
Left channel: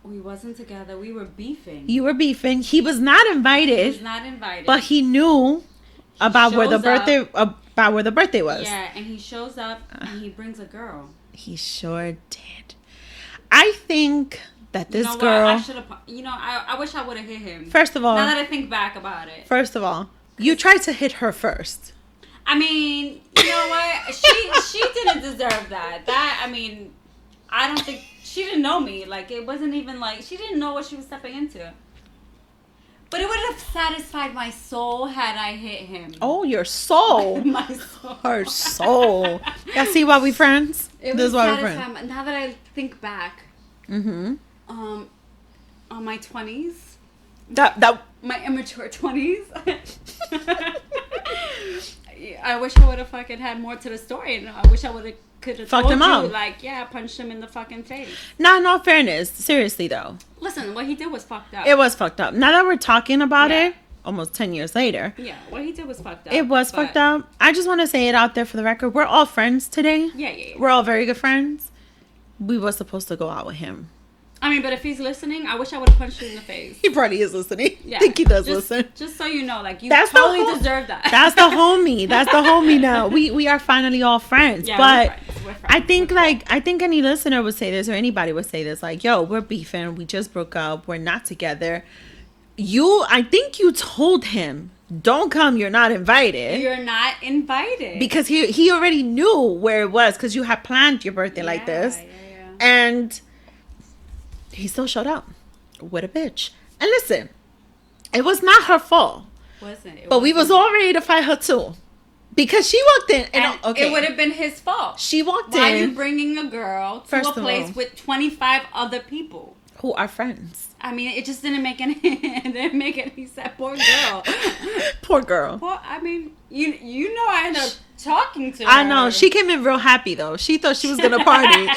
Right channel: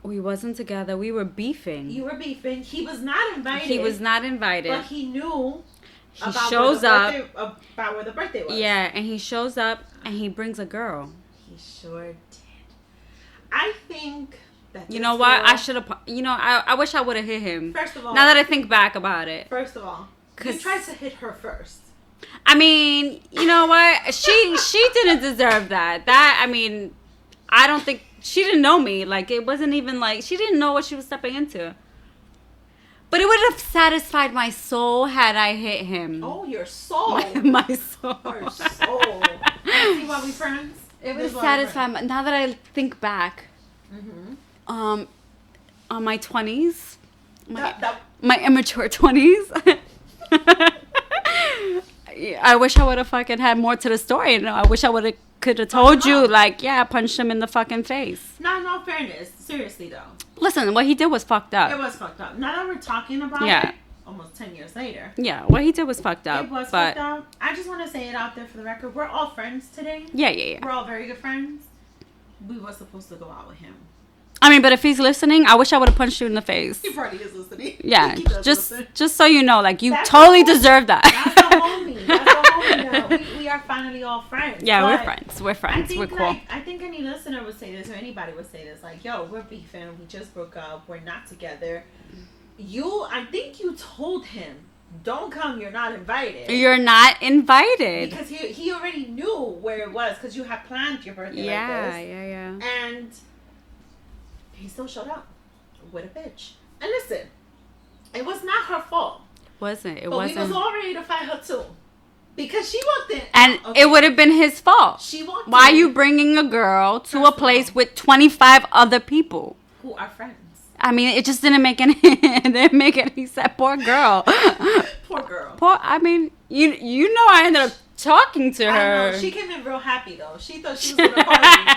We wasn't together. We were beefing. You were beefing. He was not invited. He was not invited. But he knew about where the birthday was. Yeah, and he shows up and he brings a girl. He sure did. I think that this girl... What? I should have... I wish I would have hit him. First of all... Now that I think back about it. First of all, you tried to hit her first. I mean, you know what? She didn't deserve that. I don't think... She didn't know me. Like, it wasn't even like... She didn't know what she was stepping into. But it would have satisfied my soul had I hit him. Oh, your soul. My soul. Her soul. Let's see why we friends. It would satisfy my... Now that I think back... Mm-hmm. On my 20s. My immature 20s. I wish I would have fucking had more to the story. I wish I could have told you, like, yeah, I punched him in the fucking face. Nah, in all fairness, seriously though. Listen, what he did was fucked up. It was fucked up. Now that we're talking about it, almost 10 years later. Yeah, what he did was fucked up. It was fucked up. I just want to say it out there for the record. We're all friends today. Yeah. We're all very good friends. We were supposed to go out with him. I mean, but if he's listening, I wish I would have punched you in the face. He probably is listening. Yeah. I think he does listen. Just so you know, like, you totally deserve that. That's the homie. That's the homie now. We are finally all friends. Yeah, but we're friends. I think, I think any listener would say this, or anybody would say this, like, yo, we're beefing. We just broke up. We're not together. I think you told him, don't come. You're not invited. You're not invited. Because he already knew where it was, because you had planned your birthday like this. Yeah. And... he still showed up with a bitch. And listen, it was not her fault. But we was all ready to fight her too. Because she walked in. And it would have been his fault. She walked in. Why are you bringing a girl to a place with 25 other people? Who are friends. I mean, it just didn't make any sense. Poor girl. Poor girl. I mean, you know I ended up talking to her. I know. She came in real happy, though. She thought she was going to party.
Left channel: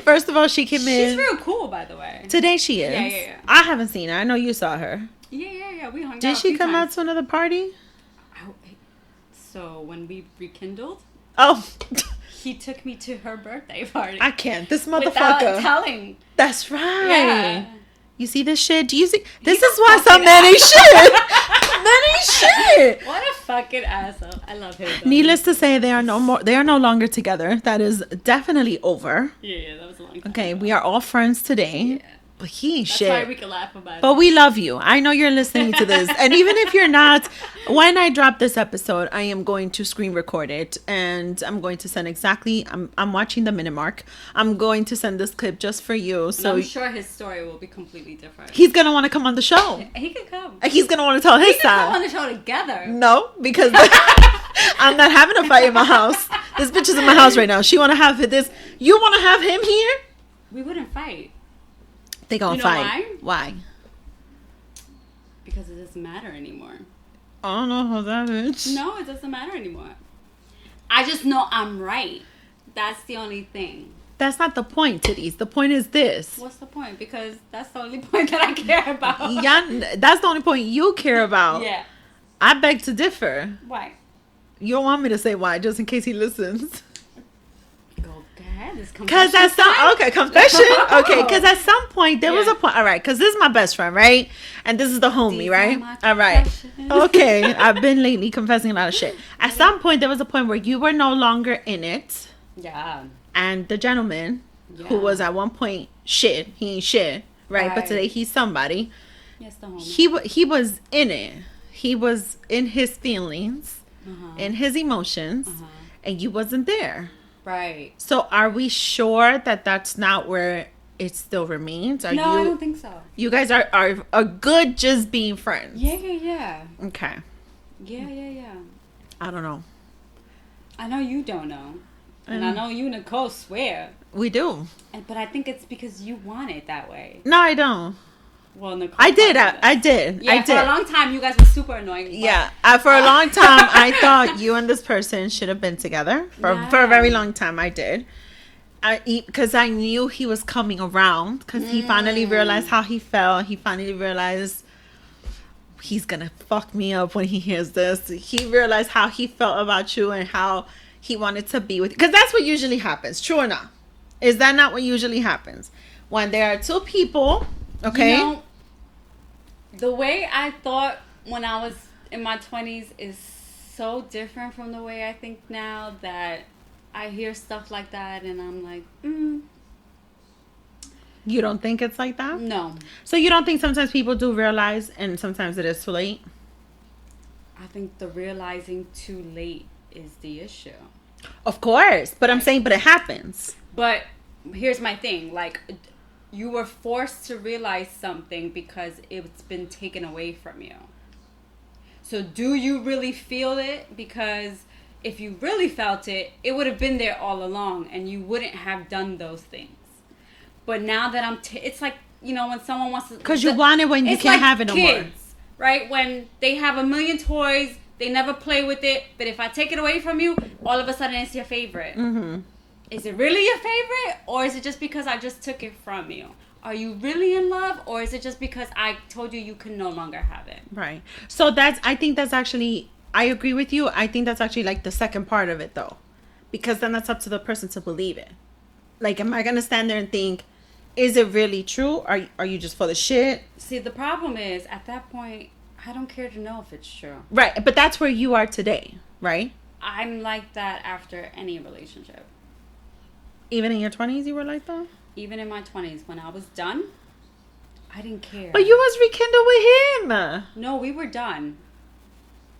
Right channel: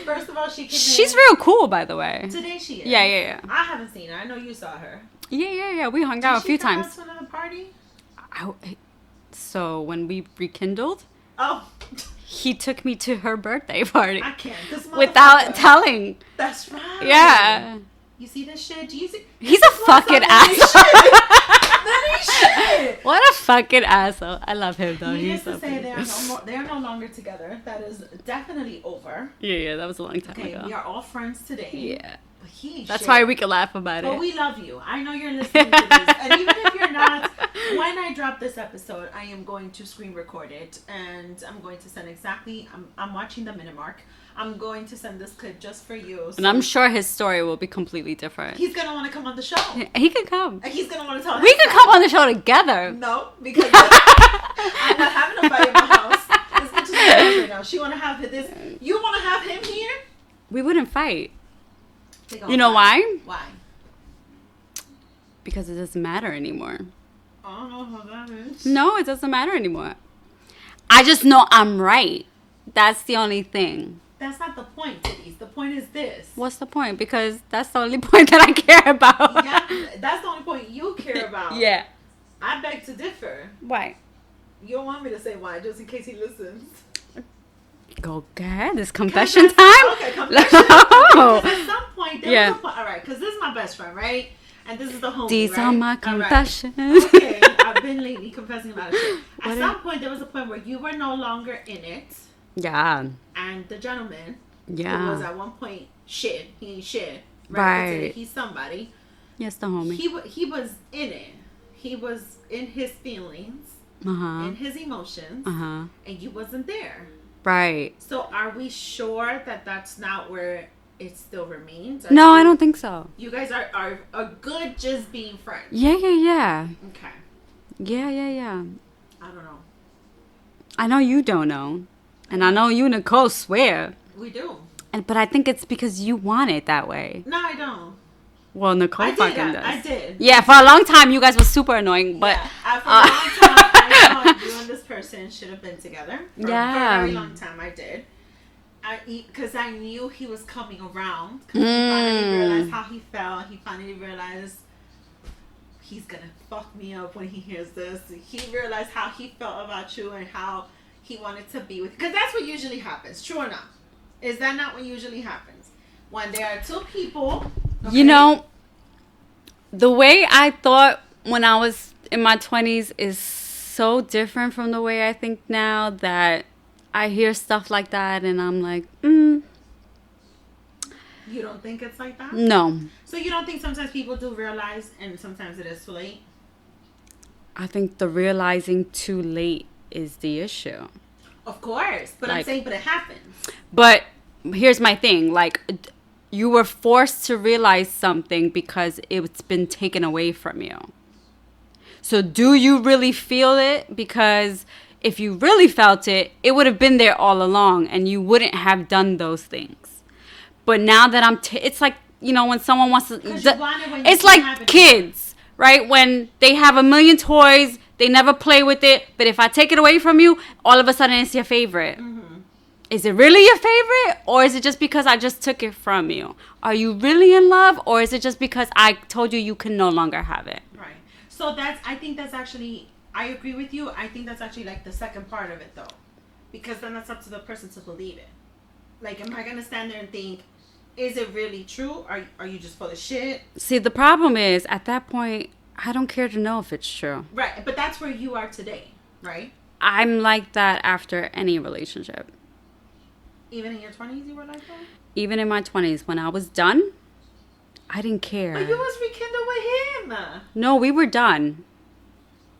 First of all, she came in. She's real cool, by the way. Today she is. Yeah. I haven't seen her. I know you saw her. Yeah. We hung out a few times. Did she come out to another party? So, when we rekindled... Oh. He took me to her birthday party. I can't. This motherfucker. Without telling. That's right. Yeah. You see this shit? Do you see? This is why some men ain't shit. Men ain't shit. What a fucking asshole. I love him, though. Needless to say, they are no longer together. That is definitely over. Yeah, that was a long time ago. We are all friends today. Yeah. But that's why we can laugh about it. But we love you. I know you're listening to this. And even if you're not, when I drop this episode, I am going to screen record it. And I'm going to send I'm watching the minute mark. I'm going to send this clip just for you. So and I'm sure his story will be completely different. He's going to want to come on the show. He can come. He's going to want to tell his side. We can come on the show together. No, because I'm not having a fight in my house. This bitch is in my house right now. She want to have this. You want to have him here? We wouldn't fight. They gonna You know fight. why? Why? Because it doesn't matter anymore. I don't know how that is. No, it doesn't matter anymore. I just know I'm right. That's the only thing. That's not the point, titties. The point is this. What's the point? Because that's the only point that I care about. Yeah, that's the only point you care about. Yeah. I beg to differ. Why? You don't want me to say why, just in case he listens. Go ahead. This Because confession time. okay, confession. Okay, because at some point there was Yeah. a point. All right, because this is my best friend, right? And this is the homie, These right? are my All right. confessions. Okay, I've been lately confessing a lot of shit. At some point there was a point where you were no longer in it, Yeah. and the gentleman Yeah. who was at one point shit, he ain't shit, right? But today Right. he's somebody. Yes, the homie. He was in it. He was in his feelings, Uh-huh. in his emotions, Uh-huh. and you wasn't there. Right. So are we sure that that's not where it still remains? No, I don't think so. You guys are good just being friends. Yeah, yeah, yeah. Okay. Yeah, yeah, yeah. I don't know. I know you don't know. And I know you and Nicole swear. We do. But I think it's because you want it that way. No, I don't. Well, Nicole I did. fucking does. I did. Yeah, I for did. a long time, you guys were super annoying. But, Yeah. For a long time, I thought you and this person should have been together. For a very long time, I did. Because I knew he was coming around. Because he finally realized how he felt. He finally realized he's going to fuck me up when he hears this. He realized how he felt about you and how he wanted to be with you. Because that's what usually happens. True or not? Is that not what usually happens? When there are two people... Okay. You know, the way I thought when I was in my 20s is so different from the way I think now that I hear stuff like that and I'm like, You don't think it's like that? no. So you don't think sometimes people do realize and sometimes it is too late? I think the realizing too late is the issue. Of course. But I'm Like- saying, but it happens. But here's my thing. Like, you were forced to realize something because it's been taken away from you. So do you really feel it? Because if you really felt it, it would have been there all along and you wouldn't have done those things. But now that it's like, you know, when someone wants to... Because you want it when you it's can't like have it no more. kids, right? When they have a million toys, they never play with it. But if I take it away from you, all of a sudden it's your favorite. Mm-hmm. Is it really your favorite? Or is it just because I just took it from you? Are you really in love? Or is it just because I told you can no longer have it? Right. So I think that's actually, I agree with you. I think that's actually like the second part of it though. Because then that's up to the person to believe it. Like, am I going to stand there and think, is it really true? Are you just full of shit? See, the problem is, at that point, I don't care to know if it's true. Right. But that's where you are today, right? I'm like that after any relationship. Even in your 20s, you were like that? Even in my 20s, when I was done, I didn't care. But you was rekindled with him. No, we were done.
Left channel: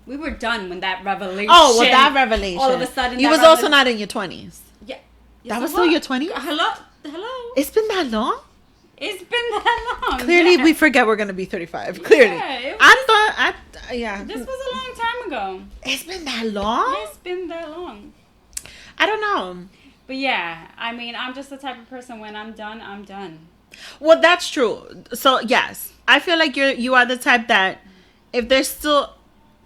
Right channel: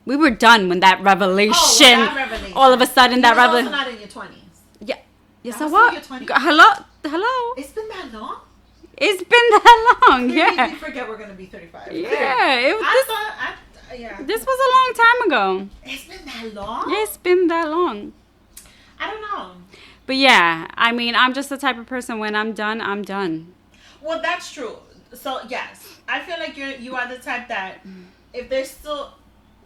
We were done when that revelation. Oh, well, that revelation. All of a sudden, he that was also not in your 20s. Yeah. Yes, That I was still your 20s? Hello. It's been that long? It's been that long. Clearly, yeah. we forget we're going to be 35. Yeah, Clearly. it was Yeah. This was a long time ago. It's been that long? It's been that long. I don't know. But yeah, I mean, I'm just the type of person, when I'm done, I'm done. Well, that's true. So, yes. I feel like you are the type that if there's still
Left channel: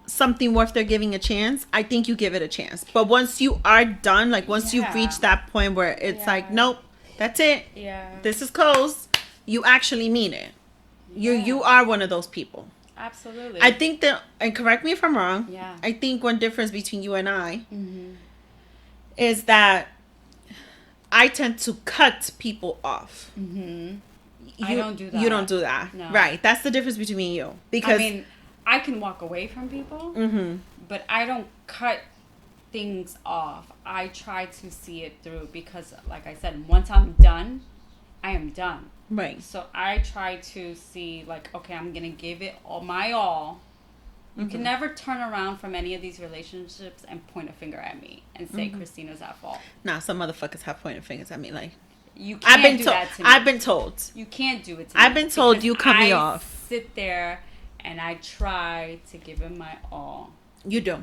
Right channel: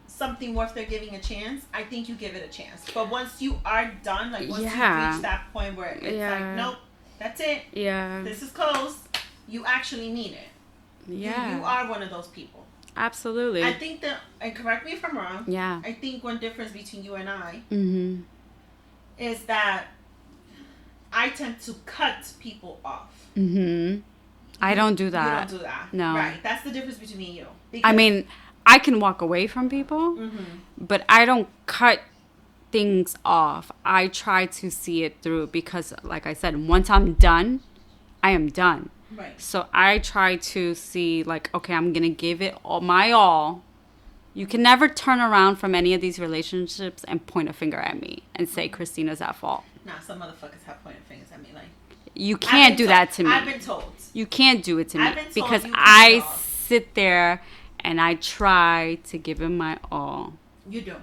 something worth their giving a chance, I think you give it a chance. But once you are done, like once Yeah. you reach that point where it's Yeah. like, nope, that's it. Yeah. This is closed. You actually mean it. Yeah. You are one of those people. Absolutely. I think that, and correct me if I'm wrong. Yeah. I think one difference between you and I Mm-hmm. is that I tend to cut people off. Mm-hmm. I don't do that. You don't do that. No. Right. That's the difference between me and you. Because I mean, I can walk away from people, but I don't cut things off. I try to see it through because, like I said, once I'm done, I am done. right. So I try to see, like, okay, I'm going to give it all my all. You can never turn around from any of these relationships and point a finger at me and say Christina's at fault. Nah, some motherfuckers have pointed fingers at me. Like, You can't do that to me. I've been told. You can't do it to me. I've been told because you cut me I off. sit there and I try to give him my all. You do.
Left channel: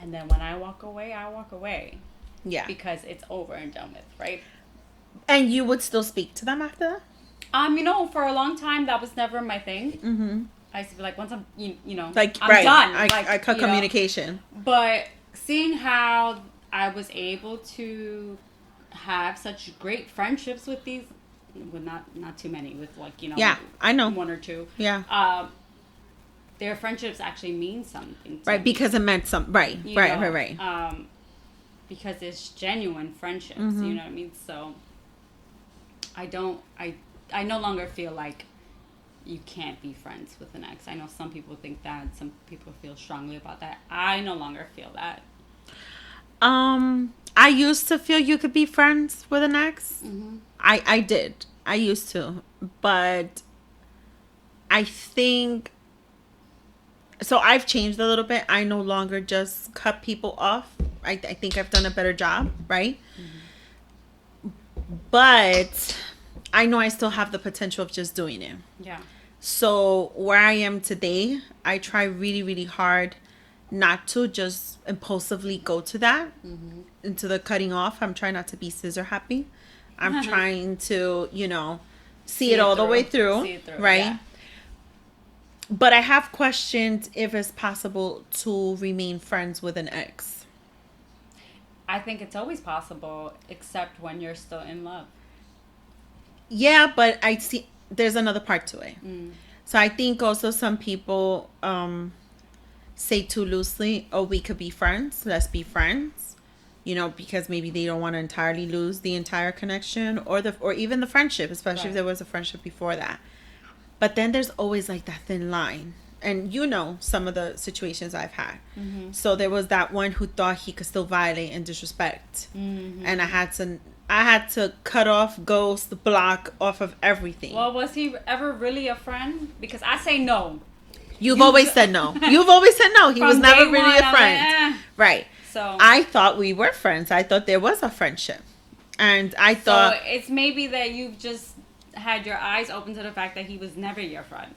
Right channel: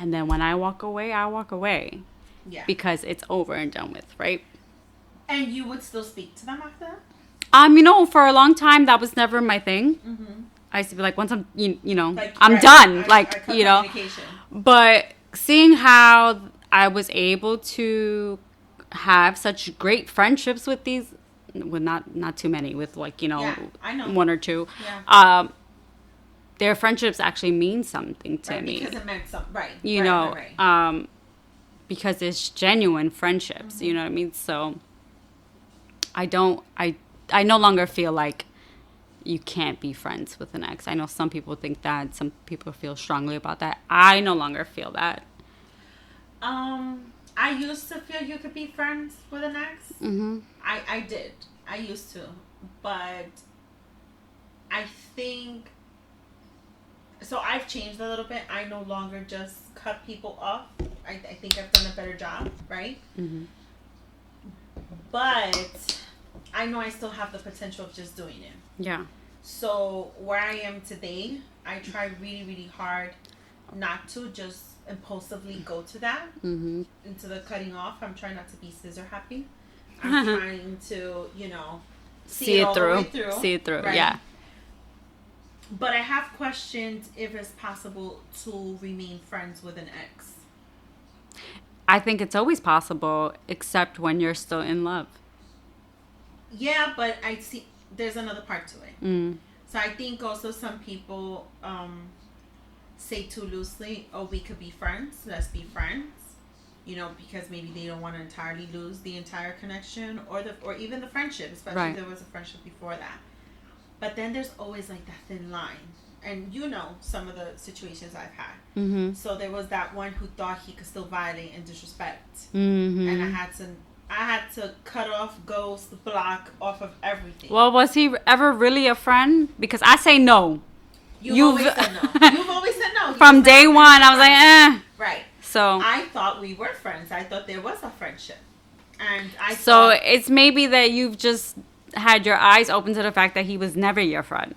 And then when I walk away, I walk away. Yeah. Because it's over and done with, right? And you would still speak to them after that? For a long time, that was never my thing. Mm-hmm. I used to be like, once I'm, like, I'm right. done. I cut communication. But seeing how I was able to have such great friendships with these, with not too many, with yeah, I know, one or two. Yeah. Their friendships actually mean something to me. Right, because it meant something. Right, right. Because it's genuine friendships. Mm-hmm. You know what I mean? So I no longer feel like you can't be friends with an ex. I know some people think that. Some people feel strongly about that. I no longer feel that. I used to feel you could be friends with an ex. Mm-hmm. I did. I used to. But I think... So I've changed a little bit. I no longer just cut people off. I think I've done a better job, right? Mm-hmm. But I know I still have the potential of just doing it. Yeah. So where I am today, I try really, really hard not to just impulsively go to that, mm-hmm. into the cutting off. I'm trying not to be scissor happy. I'm trying to, see it all the way through. See it through, right? Yeah. But I have questioned if it's possible to remain friends with an ex. I think it's always possible, except when you're still in love. Yeah, but I see there's another part to it. Mm. So I think also some people say too loosely, oh, we could be friends. Let's be friends. Because maybe they don't want to entirely lose the entire connection or even the friendship, especially if there was a friendship before that. But then there's always like that thin line. And some of the situations I've had. Mm-hmm. So there was that one who thought he could still violate and disrespect. Mm-hmm. And I had to cut off, ghost, block off of everything. Well, was he ever really a friend? Because I say no. You've always said no. You've always said no. He From was never day really one, a I was like, friend. eh. Right. So I thought we were friends. I thought there was a friendship. And I thought... So it's maybe that you've just had your eyes open to the fact that he was never your friend.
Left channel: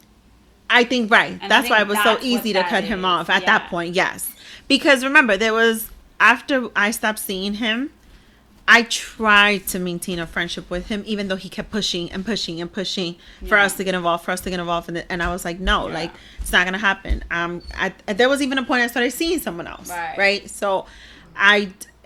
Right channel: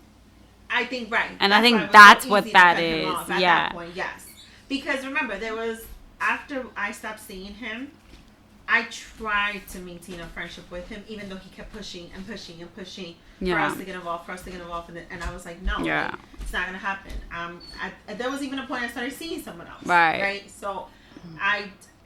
I think, right. And that's I think why it was that's so easy to cut him off at that point, yes. Because remember, after I stopped seeing him, I tried to maintain a friendship with him, even though he kept pushing and pushing and pushing for us to get involved, And I was like, no, it's not going to happen. There was even a point I started seeing someone else. Right. So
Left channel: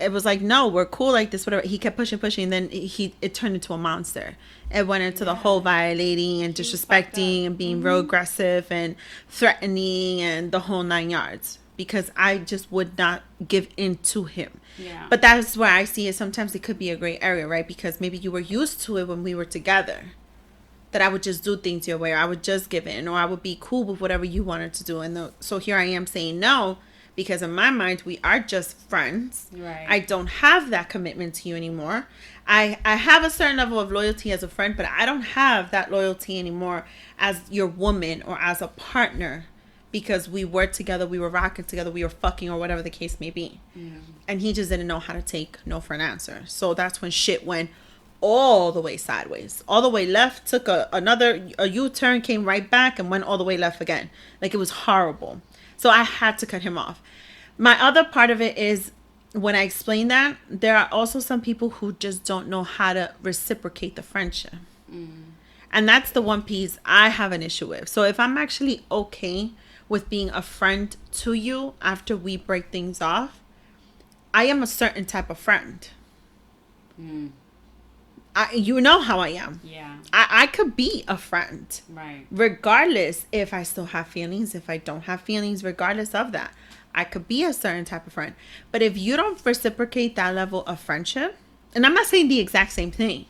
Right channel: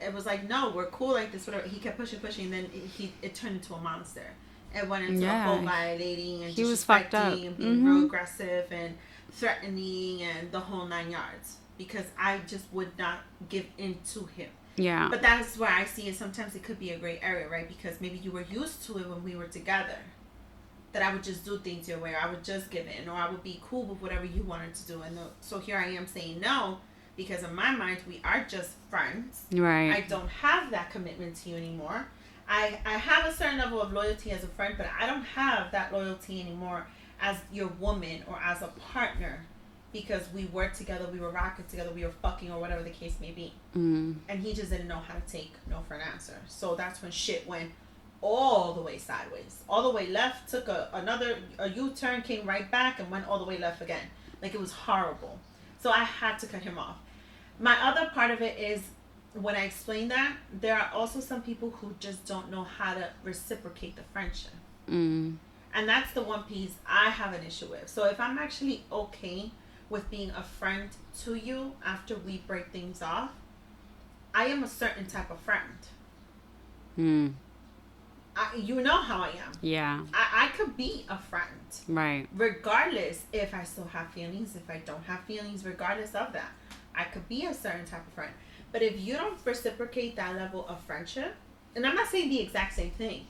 it was like, no, we're cool like this, whatever. He kept pushing. Then it turned into a monster. It went into the whole violating and disrespecting and being real aggressive and threatening and the whole 9 yards. Because I just would not give in to him. Yeah. But that's where I see it. Sometimes it could be a gray area, right? Because maybe you were used to it when we were together. That I would just do things your way, or I would just give in, or I would be cool with whatever you wanted to do. So here I am saying no, because in my mind, we are just friends. Right. I don't have that commitment to you anymore. I have a certain level of loyalty as a friend, but I don't have that loyalty anymore as your woman or as a partner. Because we were together, we were rocking together, we were fucking, or whatever the case may be. Mm. And he just didn't know how to take no for an answer. So that's when shit went all the way sideways. All the way left, took a U-turn, came right back, and went all the way left again. Like, it was horrible. So I had to cut him off. My other part of it is, when I explain that, there are also some people who just don't know how to reciprocate the friendship. Mm. And that's the one piece I have an issue with. So if I'm actually okay with being a friend to you after we break things off, I am a certain type of friend. Mm. You know how I am. Yeah. I could be a friend. Right. Regardless if I still have feelings, if I don't have feelings, regardless of that. I could be a certain type of friend. But if you don't reciprocate that level of friendship, and I'm not saying the exact same thing.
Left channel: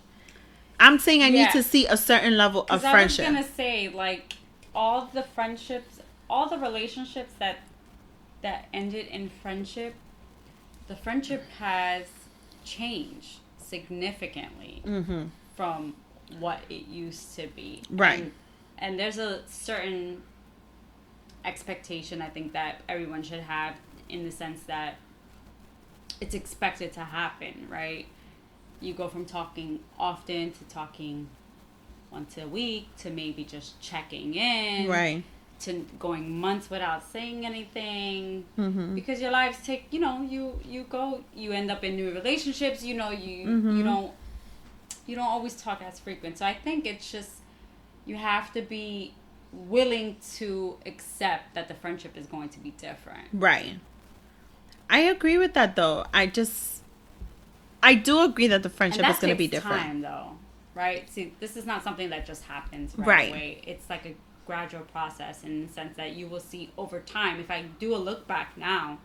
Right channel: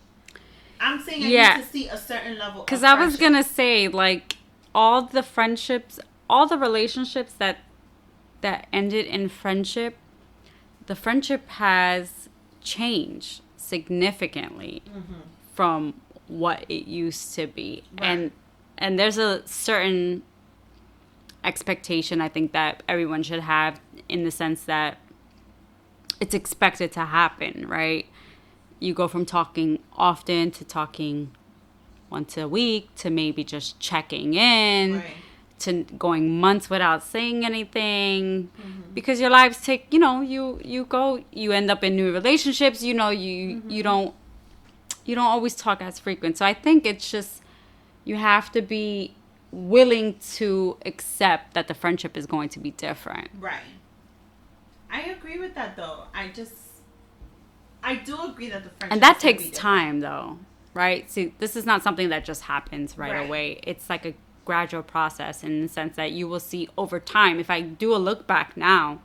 I'm saying I need to see a certain level of friendship. Because I was going to say, like, all the relationships that ended in friendship, the friendship has changed significantly from what it used to be. Right. And there's a certain expectation I think that everyone should have, in the sense that it's expected to happen, right? You go from talking often to talking once a week to maybe just checking in. Right. to going months without saying anything, because your lives take, you know, you end up in new relationships, you know, you don't always talk as frequent. So I think it's just, you have to be willing to accept that the friendship is going to be different. Right. I agree with that, though. I do agree that the friendship is going to be different. And that takes time, though, right? See, this is not something that just happens right away. It's like a gradual process, in the sense that you will see over time. If I do a look back now,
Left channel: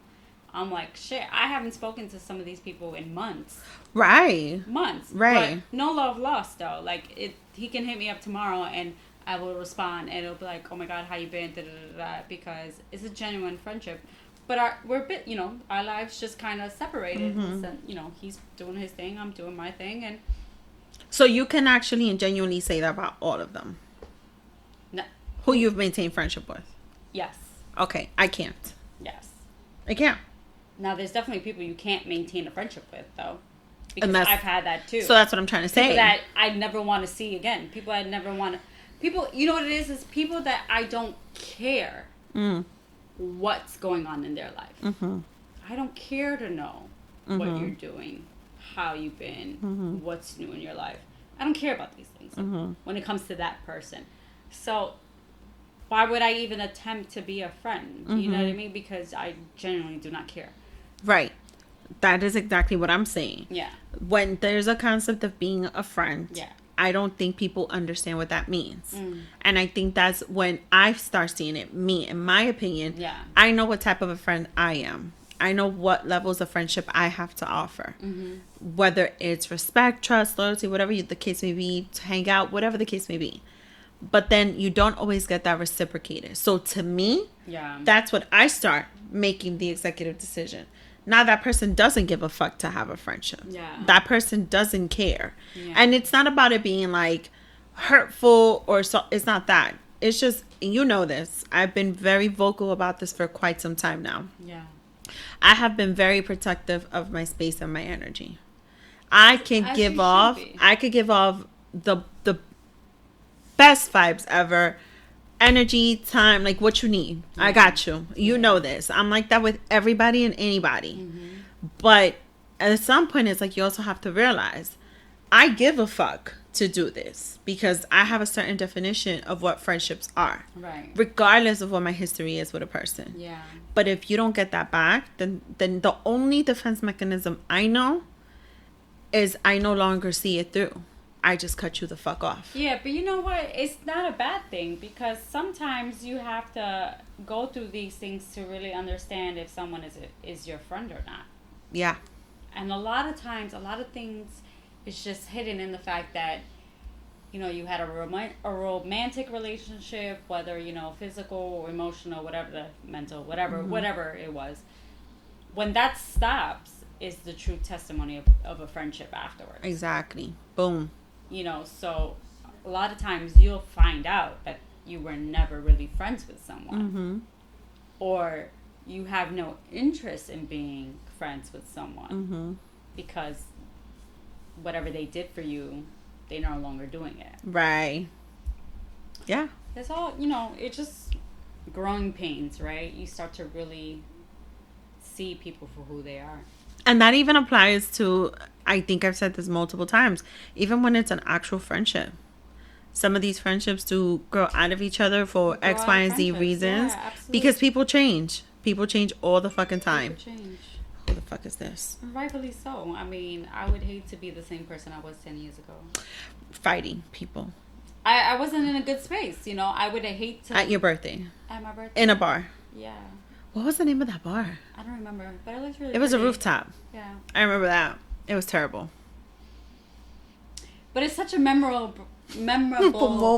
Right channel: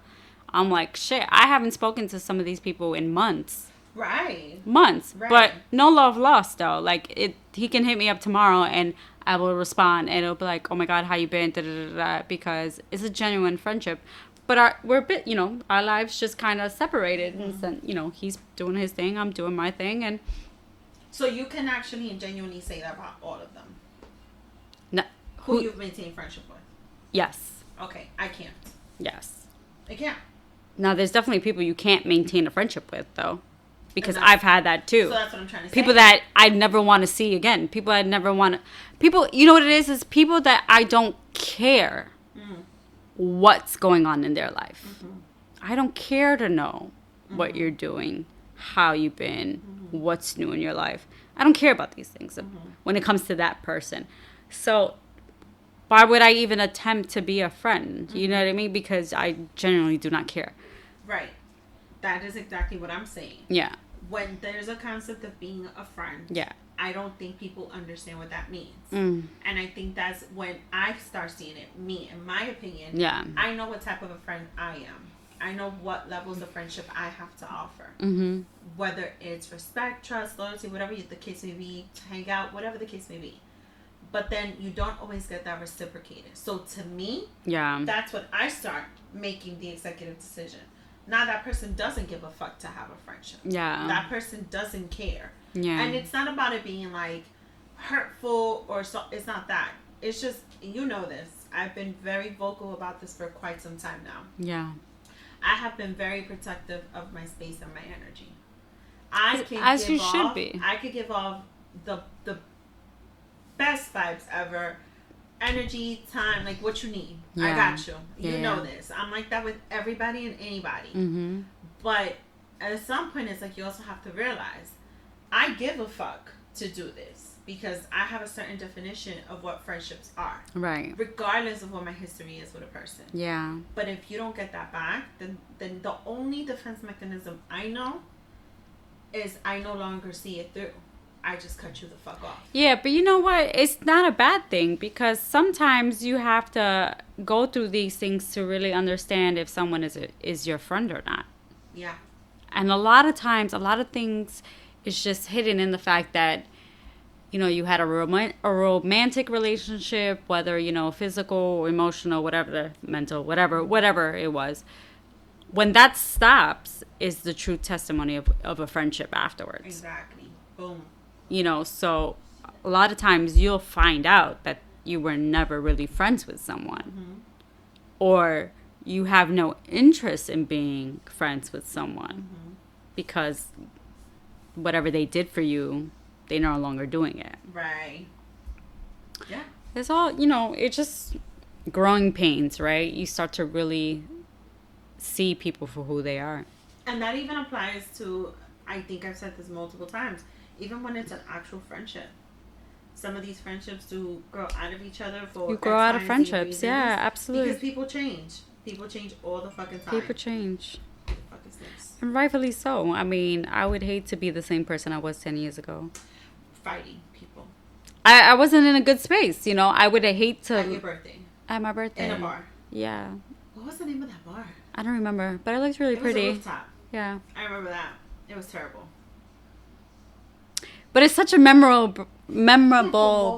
I'm like, shit, I haven't spoken to some of these people in months. Months. But no love lost, though. Like, he can hit me up tomorrow and I will respond, and it'll be like, oh my God, how you been? Da, da, da, da, because it's a genuine friendship. But we're a bit, you know, our lives just kind of separated. And, you know, he's doing his thing, I'm doing my thing. And so you can actually and genuinely say that about all of them? No. Who you've maintained friendship with? Yes. Okay, I can't. Yes. I can't. Now, there's definitely people you can't maintain a friendship with, though. Because I've had that, too. So that's what I'm trying to say. People that I never want to see again. People I never want to... People, you know what it is people that I don't care what's going on in their life. I don't care to know what you're doing, how you've been, what's new in your life. I don't care about these things when it comes to that person. So why would I even attempt to be a friend? You know what I mean? Because I genuinely do not care. Right. That is exactly what I'm saying. Yeah. When there's a concept of being a friend, yeah, I don't think people understand what that means. And I think that's when I start seeing it. Me, in my opinion, I know what type of a friend I am. I know what levels of friendship I have to offer. Whether it's respect, trust, loyalty, whatever the case may be, to hang out, whatever the case may be. But then you don't always get that reciprocated. So to me, that's when I start making the executive decision. Now that person doesn't give a fuck to have a friendship. Yeah. That person doesn't care. Yeah. And it's not about it being like hurtful or so. It's not that. It's just, you know this. I've been very vocal about this for quite some time now. Yeah. I have been very protective of my space and my energy. I could give off the best vibes ever. Energy, time, like what you need. I got you. You know this. I'm like that with everybody and anybody. But at some point, it's like you also have to realize I give a fuck to do this because I have a certain definition of what friendships are. Right. Regardless of what my history is with a person. Yeah. But if you don't get that back, then the only defense mechanism I know is I no longer see it through. I just cut you the fuck off. Yeah, but you know what? It's not a bad thing because sometimes you have to go through these things to really understand if someone is your friend or not. Yeah. And a lot of times, a lot of things is just hidden in the fact that, you know, you had a romantic relationship, whether, you know, physical, emotional, whatever, mental, whatever it was. When that stops is the true testimony of a friendship afterwards. Exactly. Boom. You know, so a lot of times you'll find out that you were never really friends with someone. Or you have no interest in being friends with someone because whatever they did for you, they're no longer doing it. Right. Yeah. It's all, you know, it's just growing pains, right? You start to really see people for who they are. And that even applies to, I think I've said this multiple times, even when it's an actual friendship. Some of these friendships do grow out of each other for X, Y, and Z reasons. Yeah, absolutely. Because people change. People change all the fucking time. People change. Who the fuck is this? And rightfully so. I mean, I would hate to be the same person I was 10 years ago. Fighting people. I wasn't in a good space, you know. I would hate to... At your birthday. At my birthday. In a bar. Yeah. What was the name of that bar? I don't remember, but it looked really pretty. It was a rooftop. Yeah. I remember that. It was terrible. But it's such a memorable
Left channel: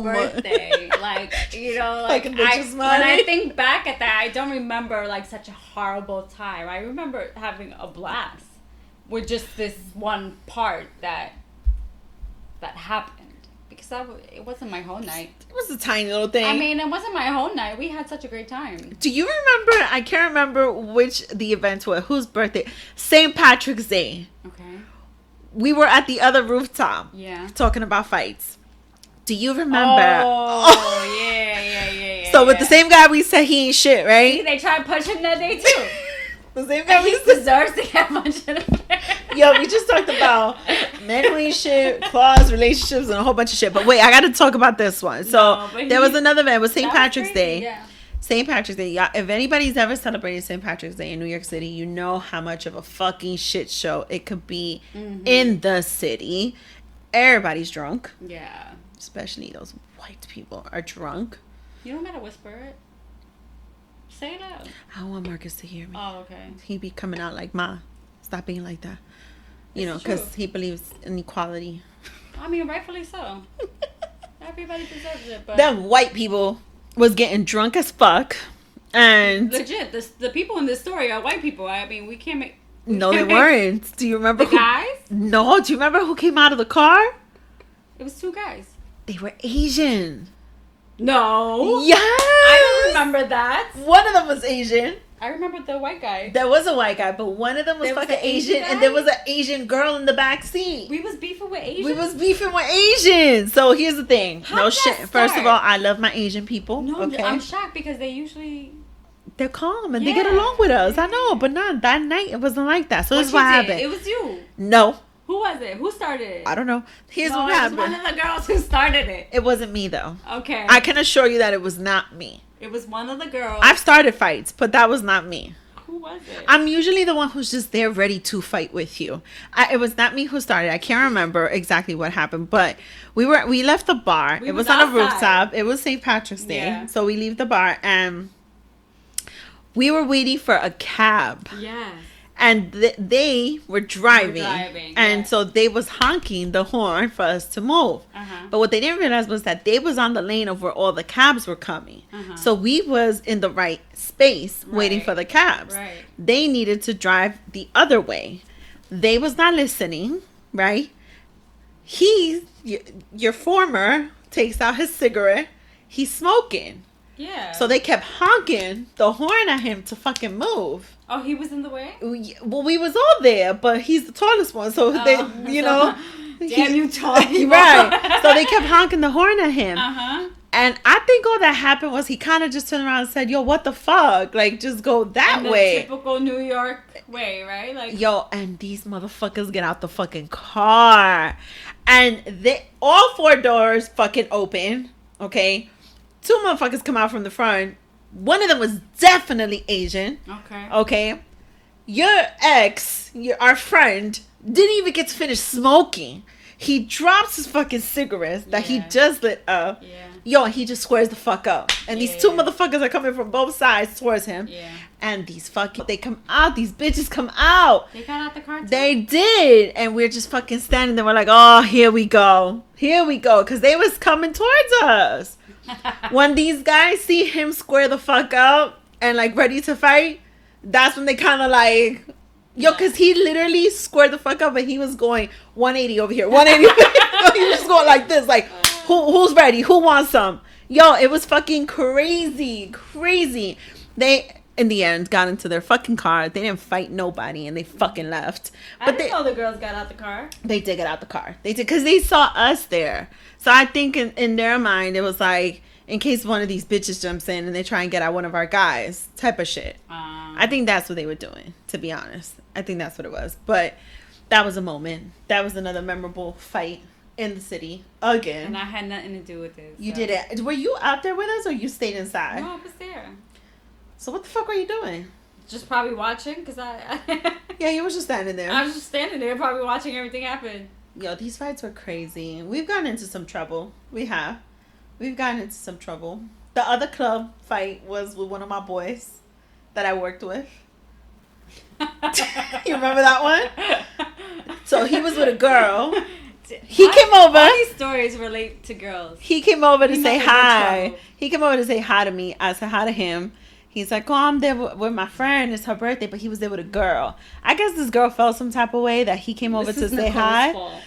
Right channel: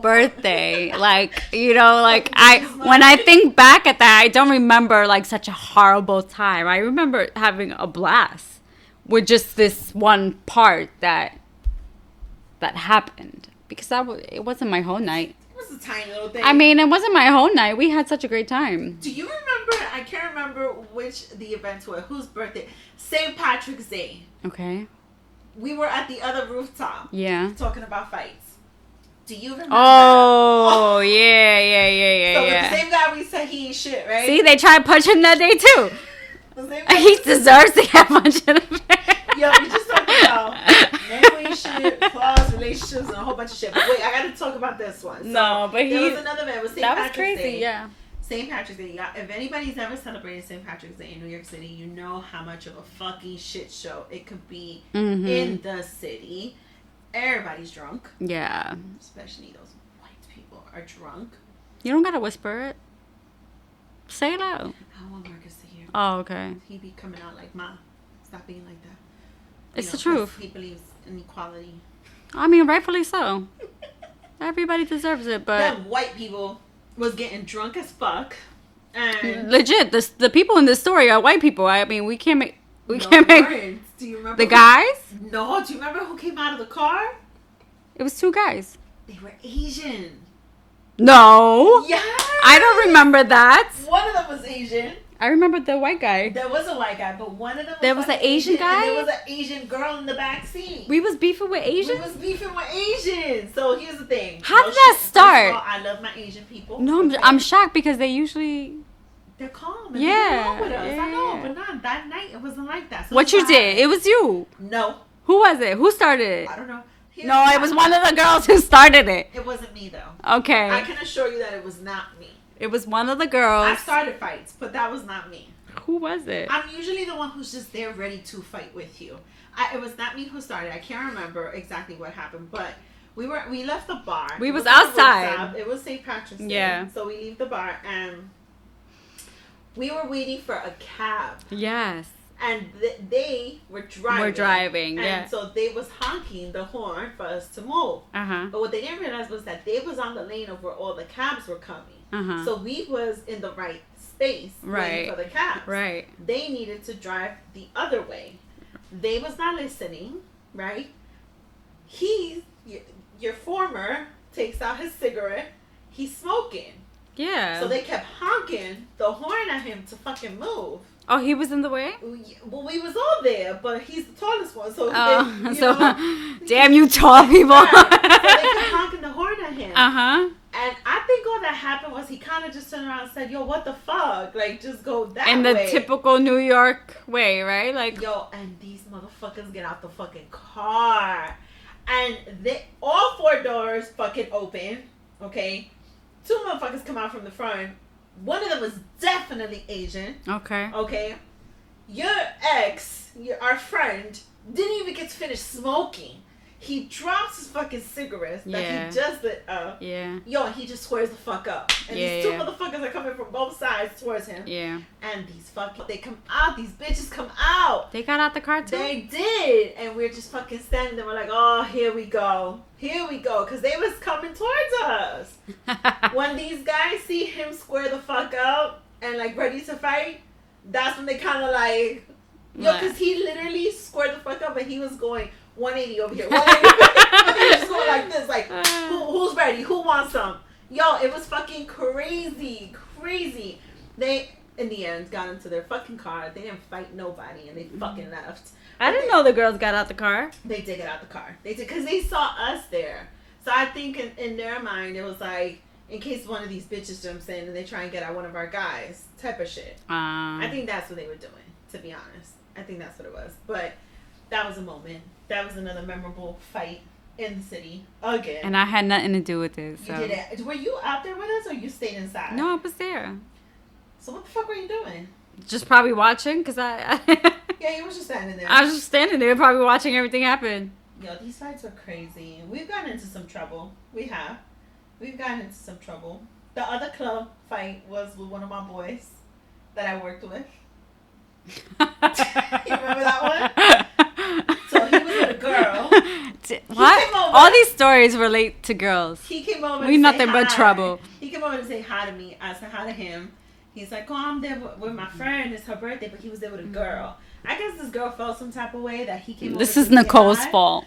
birthday. Like, you know, like when I think back at that, I don't remember like such a horrible time. I remember having a blast with just this one part that happened. Because it wasn't my whole night. It was a tiny little thing. I mean, it wasn't my whole night. We had such a great time. Do you remember? I can't remember which the events were. Whose birthday? St. Patrick's Day. Okay. We were at the other rooftop. Yeah. Talking about fights. Do you remember? Oh, yeah. So with the same guy, we said he ain't shit, right? See, they tried punching that day too. The same guy. And he deserves to get punched in the face. Yo, we just talked about men shit, claws, relationships, and a whole bunch of shit. But wait, I got to talk about this one. So there was another event. It was St. Patrick's Day. Yeah. St. Patrick's Day. Yeah, if anybody's ever celebrated St. Patrick's Day in New York City, you know how much of a fucking shit show it could be in the city. Everybody's drunk. Yeah. Especially those white people are drunk. You don't gotta whisper it. Say it out. I don't want Marcus to hear me. Oh, okay. He be coming out like, Ma, stop being like that. You It's know, the truth. he believes in equality. I mean, rightfully so. Everybody deserves it, but Them white people was getting drunk as fuck. And legit, the people in this story are white people. I mean, we can't make... no, they weren't. Do you remember the guys? No, do you remember who came out of the car? It was 2 guys. They were Asian. No. Yes. I don't remember that. One of them was Asian. I remember the white guy. There was a white guy, but one of them was There was fucking an Asian guy? and there was an Asian girl in the back seat. We was beefing with Asians? We was beefing with Asians. So here's the thing. How did that First start? of all, I love my Asian people. No, okay? I'm shocked because they usually... They're calm and they Yeah, get along with us. yeah, I know, yeah. but not that night. It wasn't like that. So What this you is did? happened. It was you. No, Who was it? Who started it? I don't know. Here's No, what it was happened. one of the girls who started it. It wasn't me though. Okay. I can assure you that it was not me. It was one of the girls. I've started fights, but that was not me. Who was it? I'm usually the one who's just there ready to fight with you. It was not me who started. I can't remember exactly what happened, but we left the bar. We it was was on a outside. rooftop. It was St. Patrick's Day. Yeah. So we leave the bar and we were waiting for a cab. Yes. And they were driving. driving, And yeah. so they was honking the horn for us to move. Uh-huh. But what they didn't realize was that they was on the lane of where all the cabs were coming. Uh-huh. So we was in the right space waiting Right. for the cabs. Right. They needed to drive the other way. They was not listening, right? Your former takes out his cigarette. He's smoking. Yeah. So they kept honking the horn at him to fucking move. Oh, he was in the way? Well, we was all there, but he's the tallest one, so they, you know. Damn you tall people. Right. So they kept honking the horn at him. Uh-huh. And I think all that happened was he kind of just turned around and said, yo, what the fuck? Like, just go that In the way. typical New York way, right? Like, Yo, and these motherfuckers get out the fucking car. And all 4 doors fucking open, okay? 2 motherfuckers come out from the front. One of them was definitely Asian. okay. Okay, your ex, our friend, didn't even get to finish smoking. He drops his fucking cigarettes that he Yeah. just lit up. Yeah. Yo, he just squares the fuck up. And Yeah, these 2 yeah. motherfuckers are coming from both sides towards him. Yeah. And they come out. These bitches come out. They got out the car too? They did. And we're just fucking standing there. We're like, oh, here we go. Here we go. Because they was coming towards us. When these guys see him square the fuck up and like ready to fight, that's when they kind of like, yo, because he literally squared the fuck up and he was going 180 over here, 180. He was going like this, like, who's ready? Who wants some? Yo, it was fucking crazy. They, in the end, got into their fucking car. They didn't fight nobody and they fucking left. I didn't know the girls got out the car. They did get out the car. They did, because they saw us there. So I think in their mind, it was like, in case one of these bitches jumps in and they try and get at one of our guys, type of shit. I think that's what they were doing, to be honest. I think that's what it was. But that was a moment. That was another memorable fight in the city again. And I had nothing to do with this. You so. did it. Were you out there with us or you stayed inside? No, I was there. So what the fuck were you doing? Just probably watching because I Yeah, you were just standing there. was just standing there probably watching everything happen. Yo, these fights were crazy. We've gotten into some trouble. We have. We've gotten into some trouble. The other club fight was with one of my boys that I worked with. You remember that one? So he was with a girl. He came over. All these stories relate to girls. He came over to We say nothing but hi. trouble. He came over to say hi to me. I said hi to him. He's like, oh, I'm there with my friend. It's her birthday, but he was there with a girl. I guess this girl felt some type of way that he came over to say hi. This is Nicole's fault.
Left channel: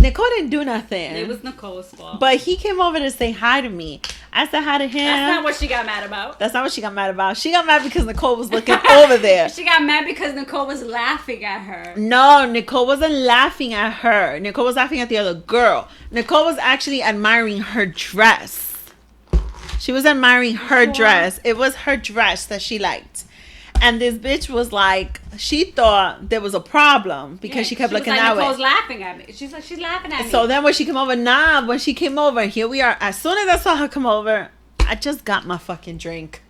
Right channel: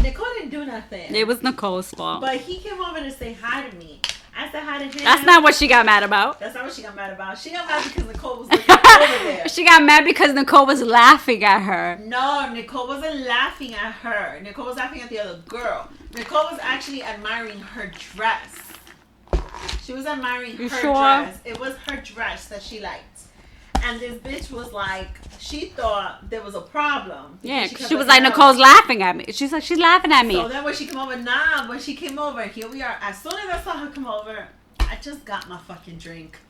Nicole didn't do nothing. It was Nicole's fault. But he came over to say hi to me. I said hi to him. That's not what she got mad about. That's not what she got mad about. She got mad because Nicole was looking over there. She got mad because Nicole was laughing at her. No, Nicole wasn't laughing at her. Nicole was laughing at the other girl. Nicole was actually admiring her dress. She was admiring her sure? dress. It was her dress that she liked. And this bitch was like, she thought there was a problem because she kept looking like, that Nicole's way. laughing at me. She's like, she's laughing at me. So then when she came over, when she came over, here we are. As soon as I saw her come over, I just got my fucking drink.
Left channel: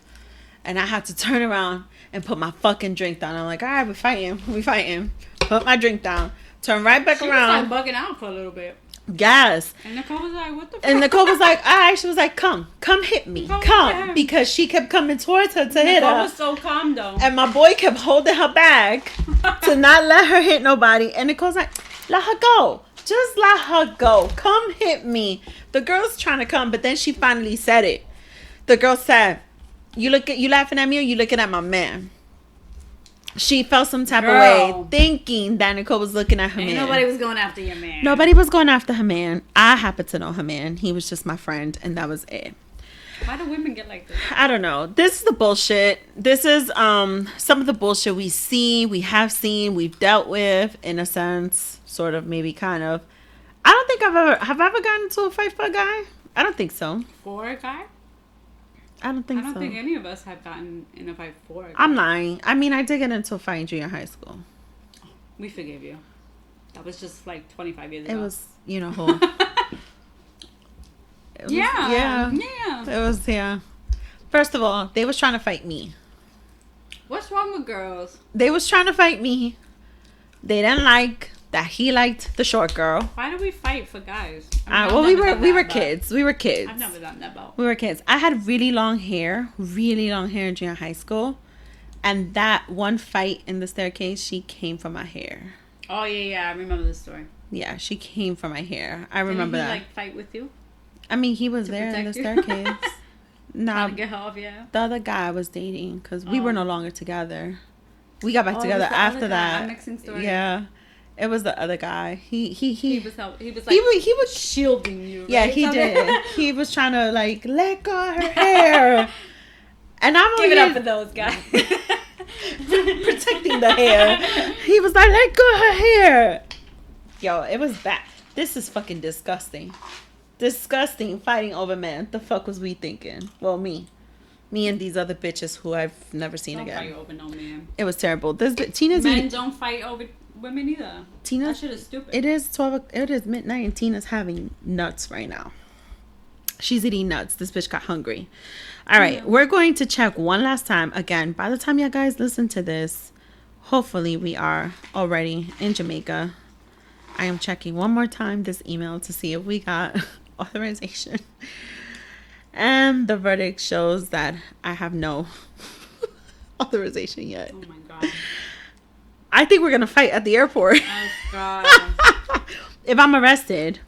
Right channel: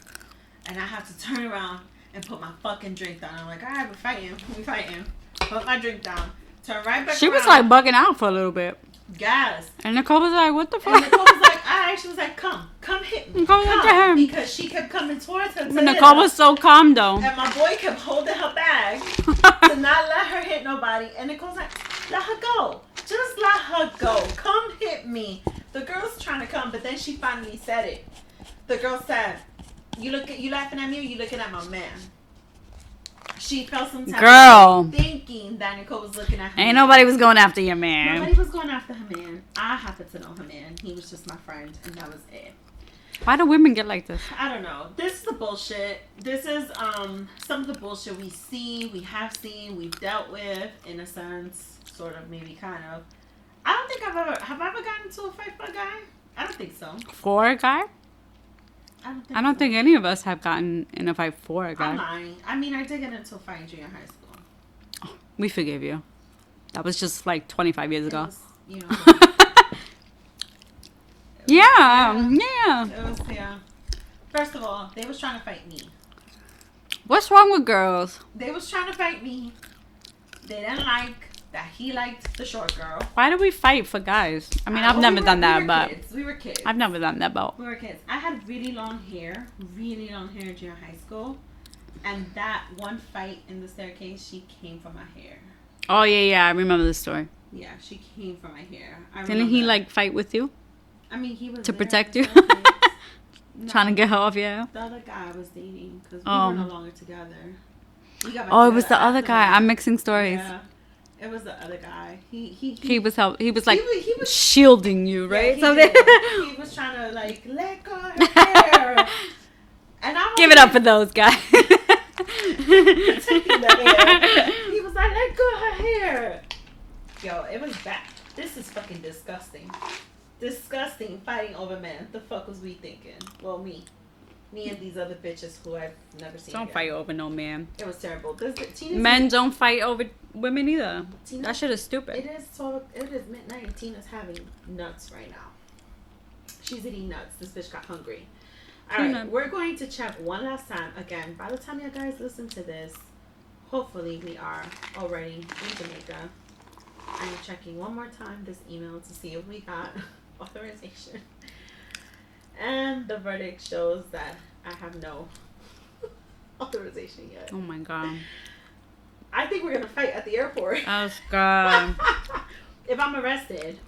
And I had to turn around and put my fucking drink down. I'm like, all right, we fighting. Put my drink down. Turn right back around. She was like bugging out for a little bit. Yes. And Nicole was like, what the fuck? And Nicole was like, all right. She was like, come hit me. Come. Because she kept coming towards her to hit her. Nicole was so calm though. And my boy kept holding her bag to not let her hit nobody. And Nicole's like, let her go. Just let her go. Come hit me. The girl's trying to come, but then she finally said it. The girl said, you laughing at me or you looking at my man? She felt some type of way thinking that Nicole was looking at her man. Nobody was going after your man. Nobody was going after her man. I happen to know her man. He was just my friend, and that was it. Why do women get like this? I don't know. This is the bullshit. This is some of the bullshit we have seen, we've dealt with, in a sense, sort of, maybe, kind of. I don't think have I ever gotten into a fight for a guy? I don't think so. For a guy? I don't so. think any of us have gotten in a fight for a guy. I'm lying. I mean, I did get into a fight in junior high school. Oh, we forgive you. That was just like 25 years ago. It was, you know who. Yeah. It was, yeah. First of all, they was trying to fight me. What's wrong with girls? They was trying to fight me. They didn't like that he liked the short girl. Why do we fight for guys? I mean, I've never done that. We were kids. I've never done that, but we were kids. I had really long hair in junior high school, and that one fight in the staircase, she came for my hair. Oh yeah, I remember the story. Yeah, she came for my hair. I remember. Didn't he like fight with you? I mean, he was to there protect in the you. Staircase. No, trying to get her off. Yeah, the other guy I was dating because we were no longer together. We got back together. together. Oh, it was the other guy. That. I'm mixing stories. Yeah. It was the other guy. He was he was like he was shielding you, right? Yeah, he did. He was trying to like let go of her hair. And I'm give it up for those guys. Protecting the hair. He was like, let go of her hair. Yo, it was bad. This is fucking disgusting. Disgusting fighting over men. The fuck was we thinking? Well, me and these other bitches who I've never seen again. Don't fight over no man. It was terrible. Tina's men don't fight over women either. That shit is stupid. It is midnight and Tina's having nuts right now. She's eating nuts. This bitch got hungry. All right, we're going to check one last time. Again, by the time you guys listen to this, hopefully we are already in Jamaica. I am checking one more time this email to see if we got authorization. And the verdict shows that I have no authorization yet. Oh my God. I think we're going to fight at the airport. Oh God. If I'm arrested,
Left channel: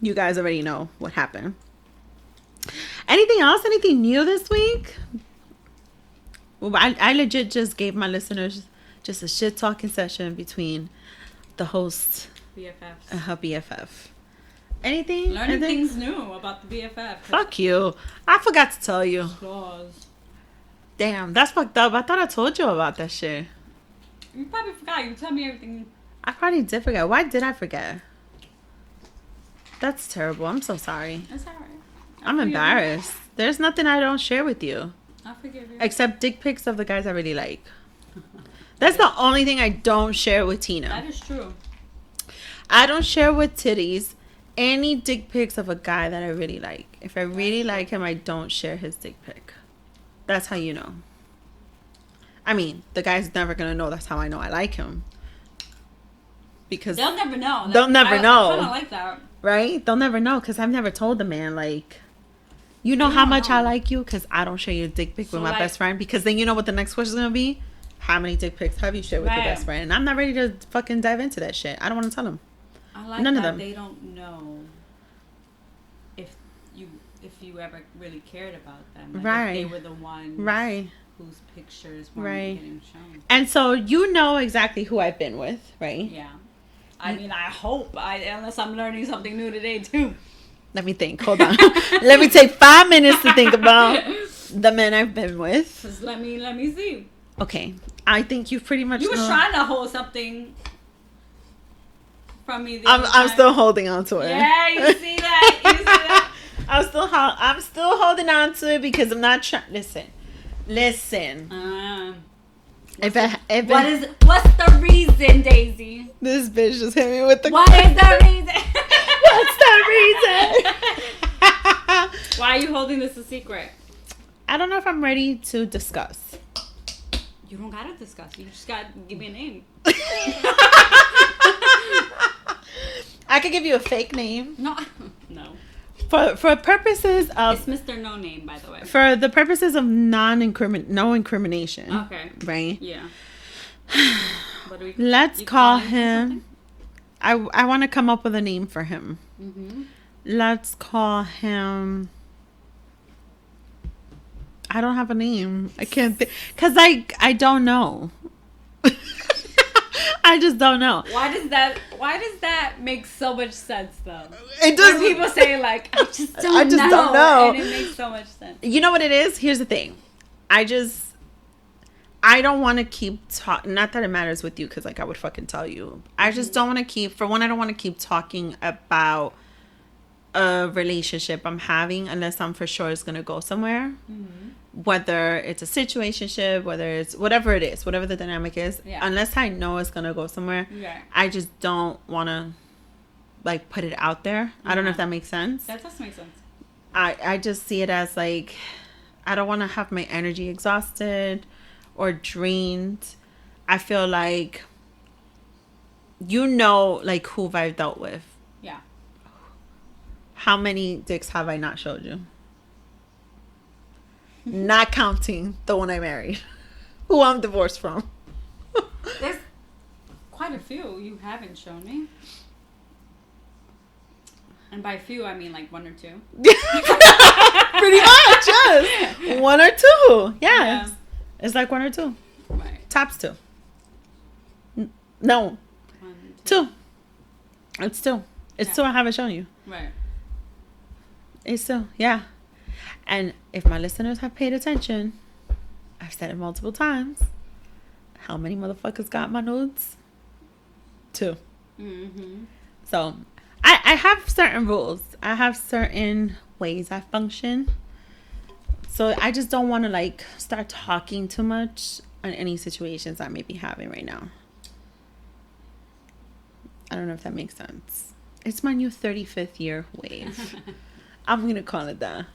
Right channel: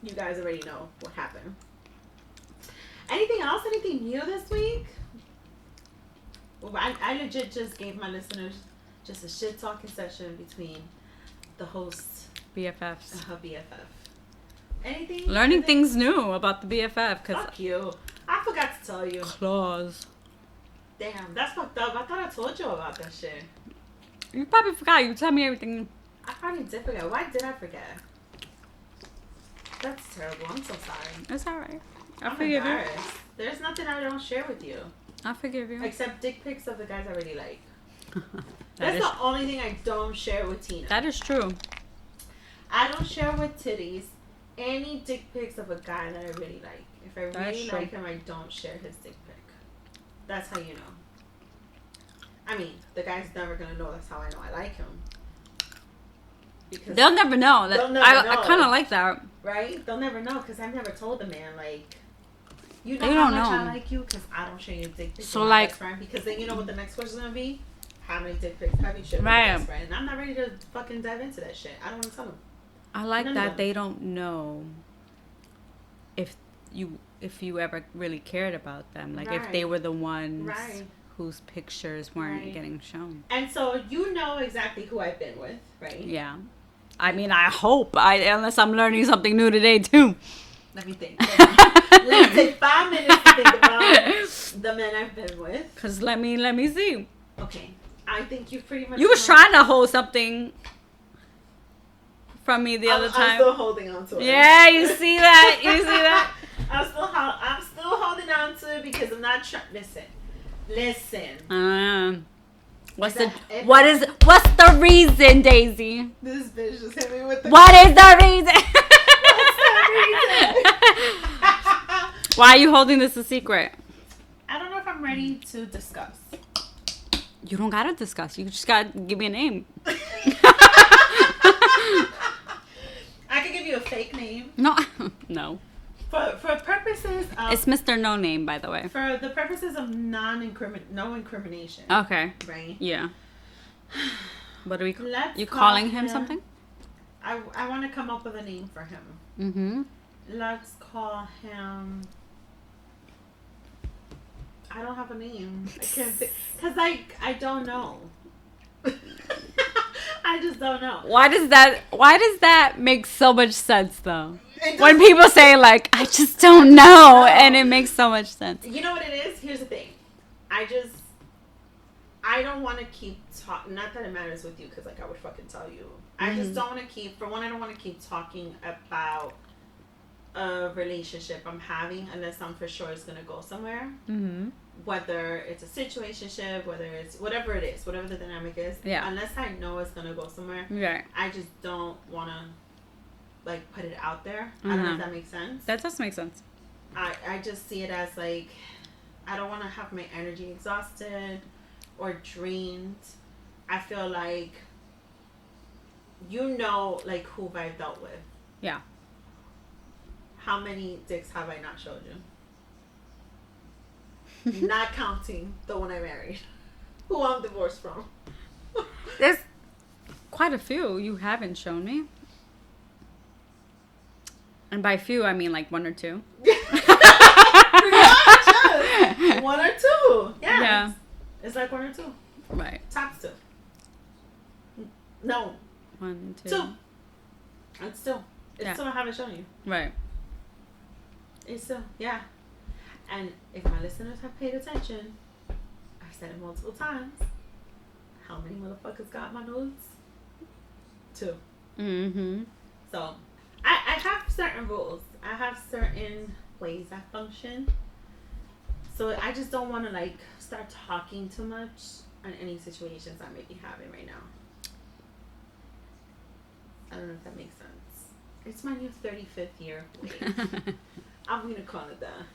you guys already know what happened. Anything else? Anything new this week? Well, I legit just gave my listeners just a shit talking session between the host BFFs and her BFF. Anything? Learning things new about the BFF. Fuck you. I forgot to tell you. Claws. Damn, that's fucked up. I thought I told you about that shit. You probably forgot. You tell me everything. I probably did forget. Why did I forget? That's terrible. I'm so sorry. That's alright. I'm embarrassed. There's nothing I don't share with you. I forgive you. Except dick pics of the guys I really like. That's the only thing I don't share with Tina. That is true. I don't share with titties any dick pics of a guy that I really like. If I really like him, I don't share his dick pic. That's how you know. I mean, the guy's never going to know that's how I know I like him. Because they'll never know. They'll never know. I kind of like that. Right? They'll never know because I've never told the man, like, you know how much I like you because I don't share your dick pic with my best friend. Because then you know what the next question is going to be? How many dick pics have you shared with your best friend? And I'm not ready to fucking dive into that shit. I don't want to tell him. I like that they don't know if you ever really cared about them. Like if they were the ones whose pictures weren't getting shown. And so you know exactly who I've been with, right? Yeah. I mean, I hope. Unless I'm learning something new today, too. Let me think. Hold on. Let me take 5 minutes to think about the men I've been with. Because let me see. Okay. I think you've pretty much... You was trying to hold something from me the other time. I'm still holding on to it. Yeah, you see that? You see that? I'm still holding holding on to it because I'm not trying. Listen. What's the reason, Daisy? This bitch just hit me with the. What is the reason? What's the reason? Why are you holding this a secret? I don't know if I'm ready to discuss. You don't gotta discuss. You just gotta give me a name. I could give you a fake name. No. For purposes of... It's Mr. No Name, by the way. For the purposes of no incrimination. Okay. Right? Yeah. What do we... Let's call him... I want to come up with a name for him. Mm-hmm. Let's call him... I don't have a name. I can't think... Because I don't know. I just don't know. Why does that make so much sense, though? When people say, like, I just don't know. And it makes so much sense. You know what it is? Here's the thing. I don't want to keep talking. Not that it matters with you, because, like, I would fucking tell you. I just don't want to keep... For one, I don't want to keep talking about a relationship I'm having unless I'm for sure it's going to go somewhere. Mm-hmm. Whether it's a situationship, whether it's whatever it is, whatever the dynamic is, unless I know it's gonna go somewhere, I just don't want to like put it out there. I don't know if that makes sense. That does make sense. I just see it as like I don't want to have my energy exhausted or drained. I feel like like who I've dealt with. Yeah. How many dicks have I not showed you? Not counting the one I married, who I'm divorced from. There's quite a few you haven't shown me. And by few, I mean like one or two. Pretty much, yes. One or two. Yeah. It's like one or two. Right. Tops two. No. One, two. It's two. It's two I haven't shown you. Right. It's two. Yeah. And if my listeners have paid attention, I've said it multiple times. How many motherfuckers got my nudes? Two. Mm-hmm. So, I have certain rules. I have certain ways I function. So, I just don't want to, like, start talking too much on any situations I may be having right now. I don't know if that makes sense. It's my new 35th year wave. I'm going to call it that.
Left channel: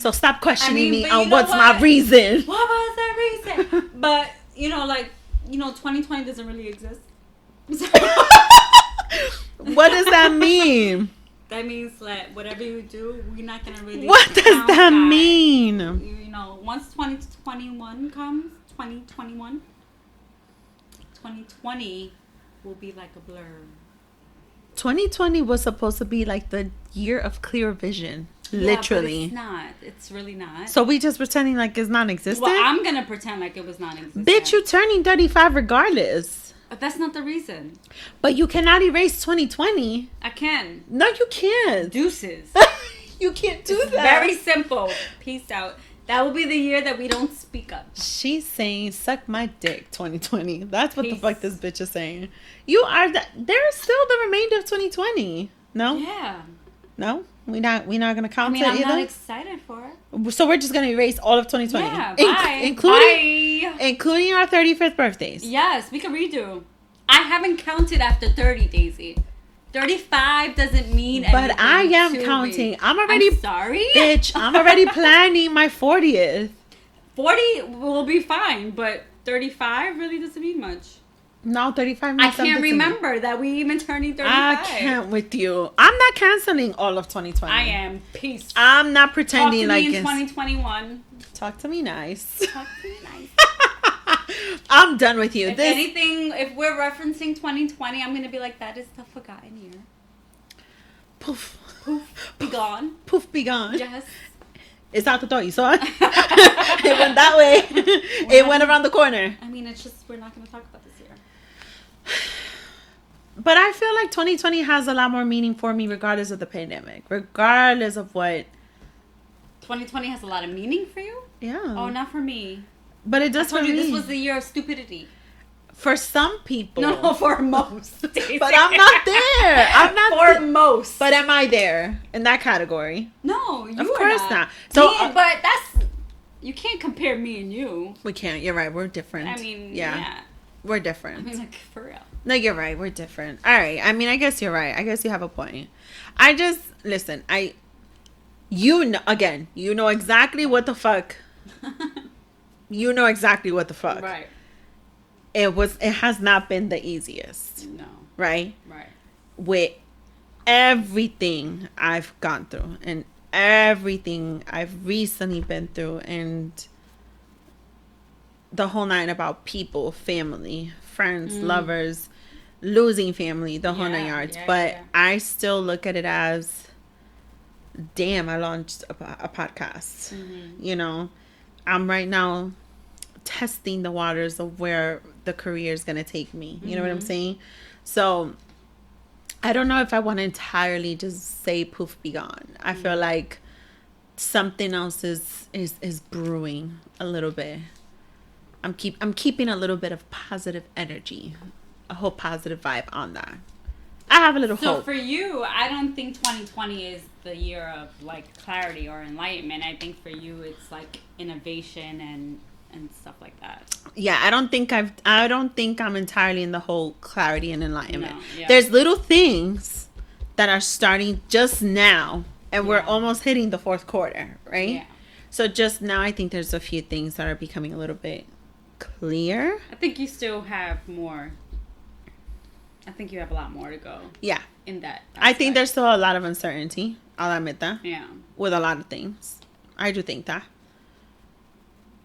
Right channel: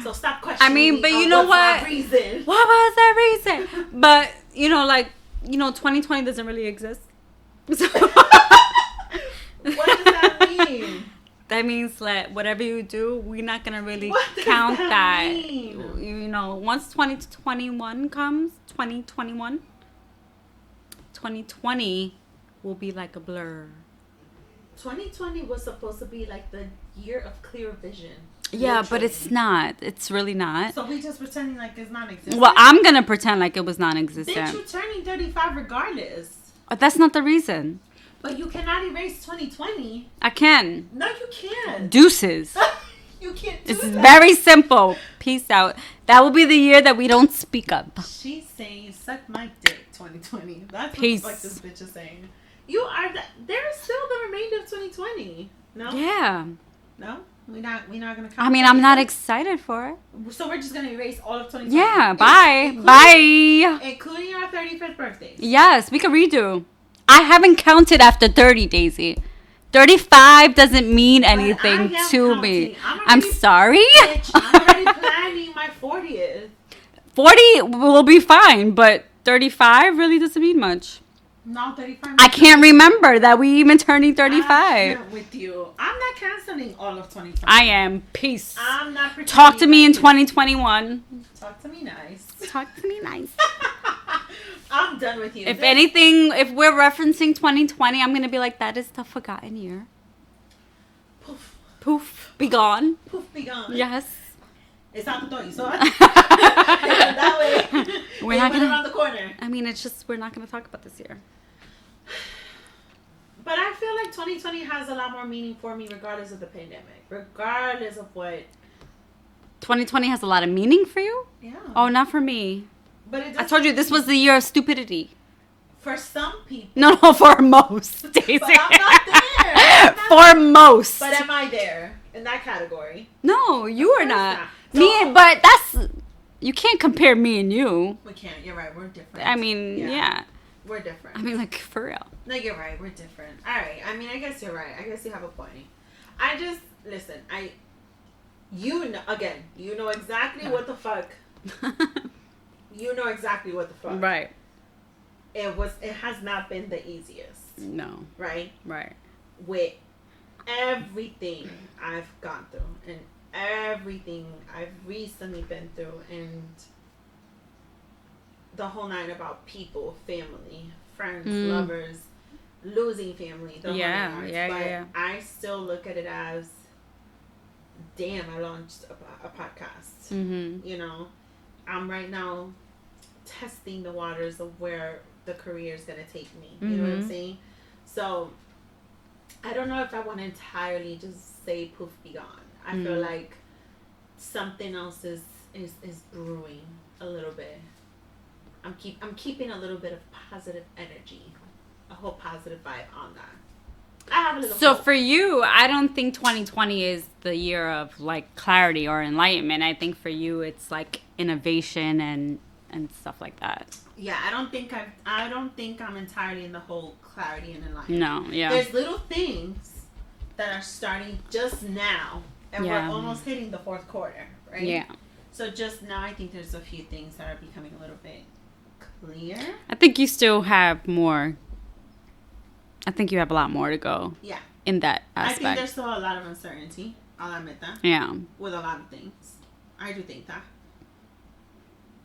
So stop questioning me on what's my reason. What was that reason? But, 2020 doesn't really exist. So what does that mean? That means that whatever you do, we're not going to really What does count that mean? Once 2021 comes, 2020 will be like a blur. 2020 was supposed to be like the year of clear vision. Yeah, literally. But it's not. It's really not. So we just pretending like it's non-existent? Well, I'm going to pretend like it was non-existent. Bitch, you turning 35 regardless. But that's not the reason. But you cannot erase 2020. I can. No, you can't. Deuces. You can't do it's that. Very simple. Peace out. That will be the year that we don't speak up. She's saying, suck my dick, 2020. That's what the fuck this bitch is saying. You are... There's still the remainder of 2020. No? Yeah. No? We're not gonna count. I mean, I'm not excited for it. So we're just gonna erase all of 2020. Yeah, bye. Bye. Including our 35th birthdays. Yes, we can redo. I haven't counted after 30, Daisy. 35 doesn't mean anything but I am to counting. me. I'm sorry? Bitch, I'm already planning my 40th. 40 will be fine, but 35 really doesn't mean much. No, 35. I can't remember that we even turning 35. I can't with you. I'm not canceling all of 2020. I am. Peace. I'm not pretending. Talk to me in 2021. Talk to me nice. Talk to me nice. I'm done with you. If anything, if we're referencing 2020, I'm going to be like, that is the forgotten year. Poof. Poof. Be gone. Poof, be gone. Yes. It's out the door. You saw it? It went that way. It went around the corner. I mean, it's just, we're not going to talk about this year. But I feel like 2020 has a lot more meaning for me regardless of the pandemic. Regardless of what. 2020 has a lot of meaning for you? Yeah. Oh, not for me. But it does. I told you this was the year of stupidity. For some people. No, for most. Stacey. But I'm not there. I'm not for most. But am I there in that category? No, you are are not. So, but that's... You can't compare me and you. We can't. You're right. We're different. I mean, yeah. We're different. I mean, like, for real. No, you're right. We're different. All right. I mean, I guess you're right. I guess you have a point. I just... Listen, you know exactly what the fuck. You know exactly what the fuck. Right. It has not been the easiest. No. Right? Right. With everything I've gone through and everything I've recently been through and the whole nine about people, family, friends, lovers, losing family, the whole nine yards. But I still look at it as, damn, I launched a podcast. You know, I'm right now testing the waters of where the career is going to take me. You know what I'm saying? So I don't know if I want to entirely just say poof, be gone. I feel like something else is brewing a little bit. I'm keeping a little bit of positive energy, a whole positive vibe on that. I have a little hope. So for you, I don't think 2020 is the year of like clarity or enlightenment. I think for you, it's like innovation and stuff like that. Yeah, I don't think I'm entirely in the whole clarity and enlightenment. No, yeah. There's little things that are starting just now, and we're almost hitting the fourth quarter, right? Yeah. So just now, I think there's a few things that are becoming a little bit clear. I think you still have more. I think you have a lot more to go. Yeah. In that aspect. I think there's still a lot of uncertainty. I'll admit that. Yeah. With a lot of things. I do think that.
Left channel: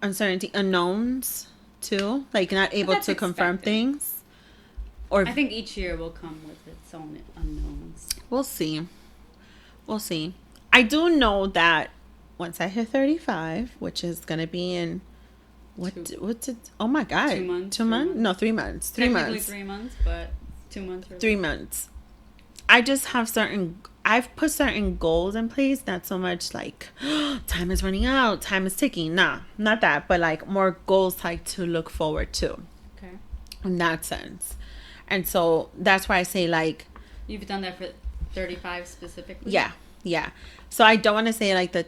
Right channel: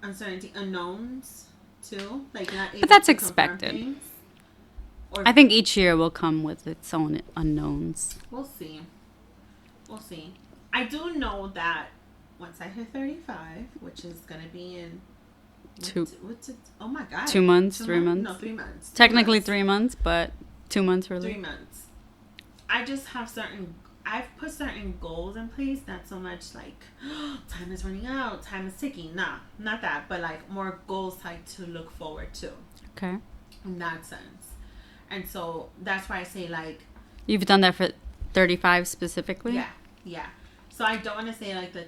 Uncertainty, unknowns too, like not able to confirm things. Or I think each year will come with its own unknowns. We'll see. I do know that once I hit 35, which is gonna be in what's it? Oh my god, 2 months. 2 months? No, 3 months. Technically 3 months, but 2 months for 3 months. I just have I've put certain goals in place, not so much like time is running out, time is ticking. Nah, not that, but like more goals like to look forward to. Okay. In that sense. And so that's why I say like... You've done that for 35 specifically? Yeah. So I don't want to say like the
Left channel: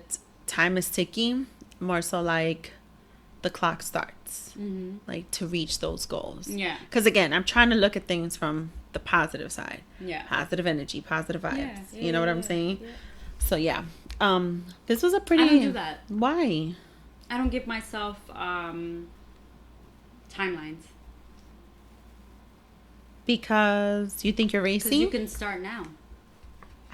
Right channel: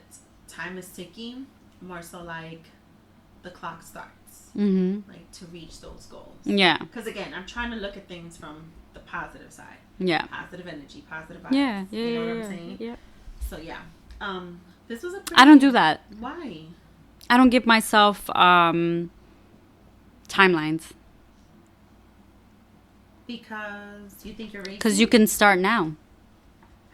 time is ticking, more so like the clock starts. Like to reach those goals. Yeah. Because again, I'm trying to look at things from the positive side. Yeah. Positive energy, positive vibes. Yeah. You know what I'm saying? Yeah. So yeah. This was a pretty... I don't do that. Why? I don't give myself timelines. Because you think you're racing? Because you can start now.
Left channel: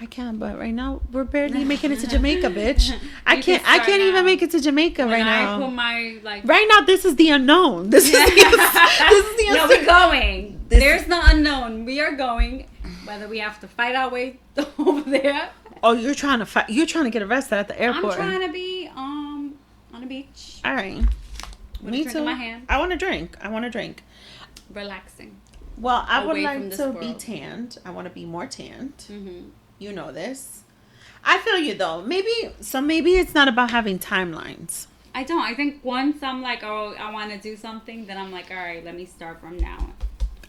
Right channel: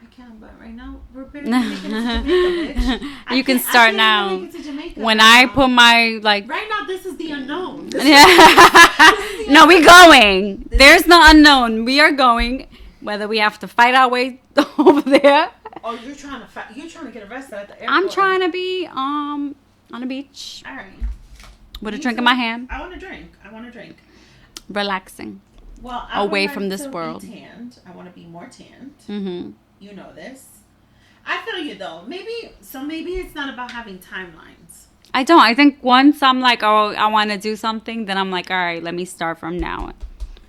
I can, but right now we're barely making it to Jamaica, bitch. I can start I can't now. even make it to Jamaica. When right I now. put my like right now, this is the unknown. This Yeah. is the unknown. No, we're going. There's no unknown. We are going. Whether we have to fight our way over there. Oh, you're trying to fight. You're trying to get arrested at the airport. I'm trying to be on a beach. All right. With a drink in my hand. I want to drink. Relaxing. Well, I away would like from this to world. be tanned. I want to be more tanned. Mm-hmm. You know this. I feel you though. Maybe it's not about having timelines. I don't. I think once I'm like, oh, I want to do something, then I'm like, all right, let me start from now.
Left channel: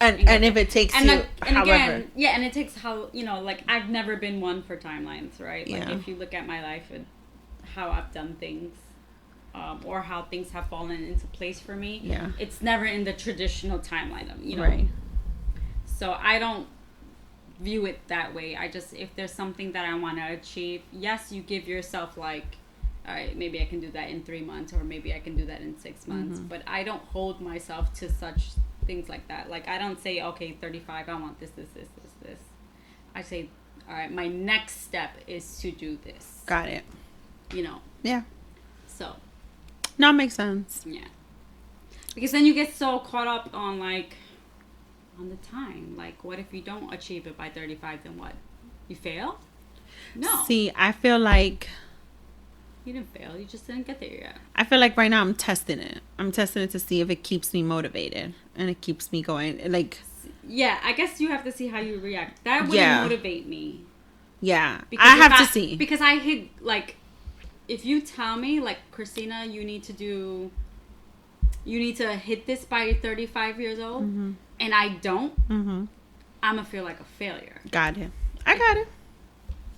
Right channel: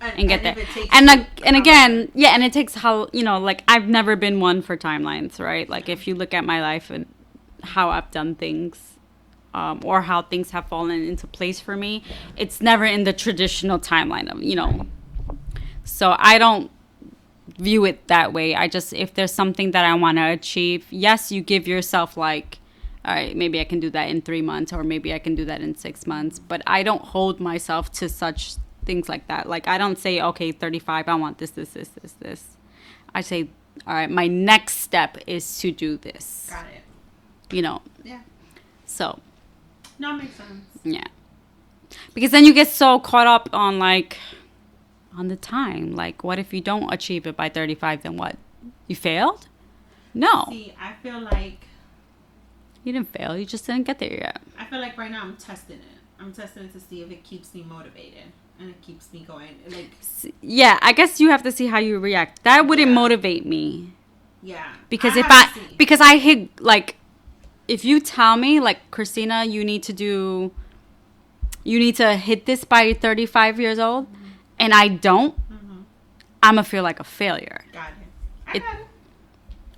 And if it takes and you, and again, yeah, and it takes how, you know, like I've never been one for timelines, right? Like if you look at my life and how I've done things, or how things have fallen into place for me, it's never in the traditional timeline of, you know. Right. So I don't view it that way. I just, if there's something that I want to achieve, yes, you give yourself like, all right, maybe I can do that in 3 months, or maybe I can do that in 6 months. But I don't hold myself to such things like that. Like I don't say, okay, 35, I want this. I say, all right, my next step is to do this. Got it. You know. Yeah. So. No, it makes sense. Yeah. Because then you get so caught up on like, on the time. Like, what if you don't achieve it by 35? Then what? You failed? No. See, I feel like you didn't fail. You just didn't get there yet. I feel like right now I'm testing it. I'm testing it to see if it keeps me motivated and it keeps me going. Like, yeah, I guess you have to see how you react. That wouldn't motivate me. Yeah, because because I hit like, if you tell me like, Christina, you need to do you need to hit this by 35 years old, and I don't, I'm going to feel like a failure. Got it. I got it.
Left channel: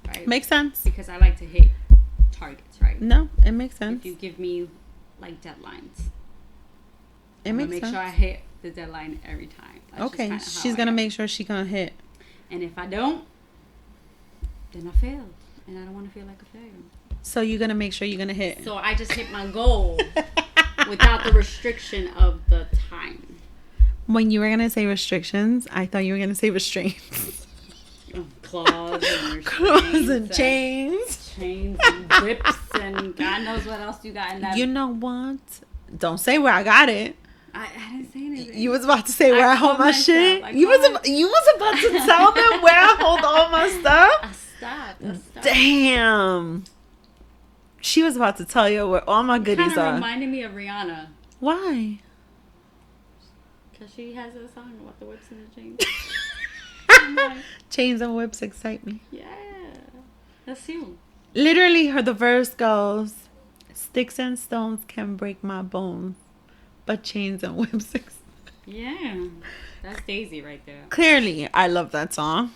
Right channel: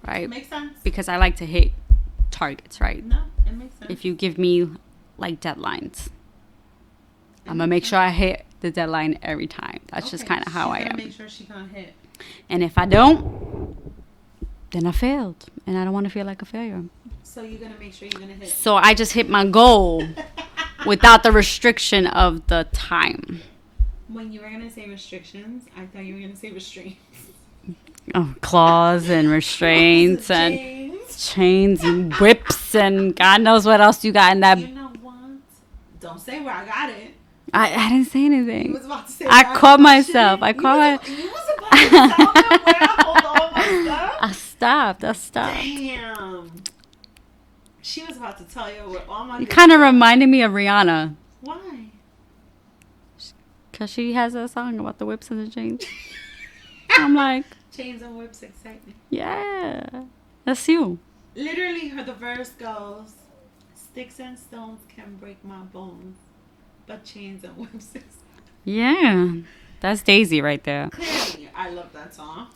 Right? Makes sense. Because I like to hit targets, right? No, it makes sense. If you give me, like, deadlines, I'm going to make sense. sure I hit the deadline every time. That's just kind of how I am. She's going to make sure she's going to hit. And if I don't, then I failed. And I don't want to feel like a failure. So you're going to make sure you're going to hit. So I just hit my goal without the restriction of the time. When you were going to say restrictions, I thought you were going to say restraints. Oh, claws and restraints and chains and whips and God knows what else you got in that. You know what? Don't say where I got it. I didn't say anything. You was about to say where I caught myself. You was about to tell me where I hold all my stuff? I stopped. Damn. She was about to tell you where all my goodies kind of are. reminded me of Rihanna. Why? Because she has a song about the whips and the chains. I'm like, chains and whips excite me. Yeah. That's you. Literally, the verse goes, sticks and stones can break my bones, but chains and whips excite me. Yeah. That's Daisy right there. Clearly, I love that song.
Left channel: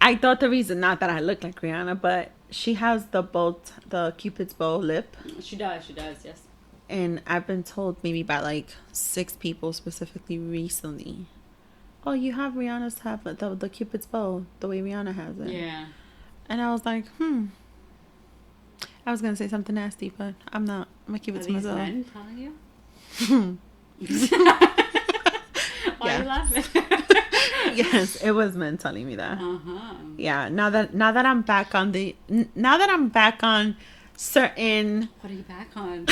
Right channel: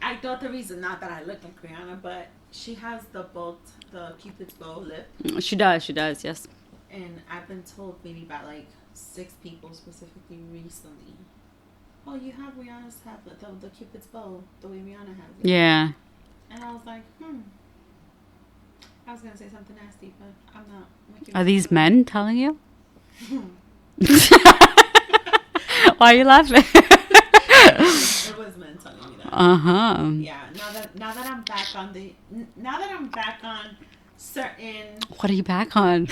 I thought the reason, not that I look like Rihanna, but she has the Cupid's bow lip. She does, yes. And I've been told maybe by like 6 people specifically recently, oh, you have Rihanna's have the Cupid's bow the way Rihanna has it. Yeah. And I was like, I was gonna say something nasty, but I'm not. I'm gonna keep it Are to these myself. men telling you? Why are you laughing? Yes, it was men telling me that. Yeah. Now that I'm back on certain. What are you back on?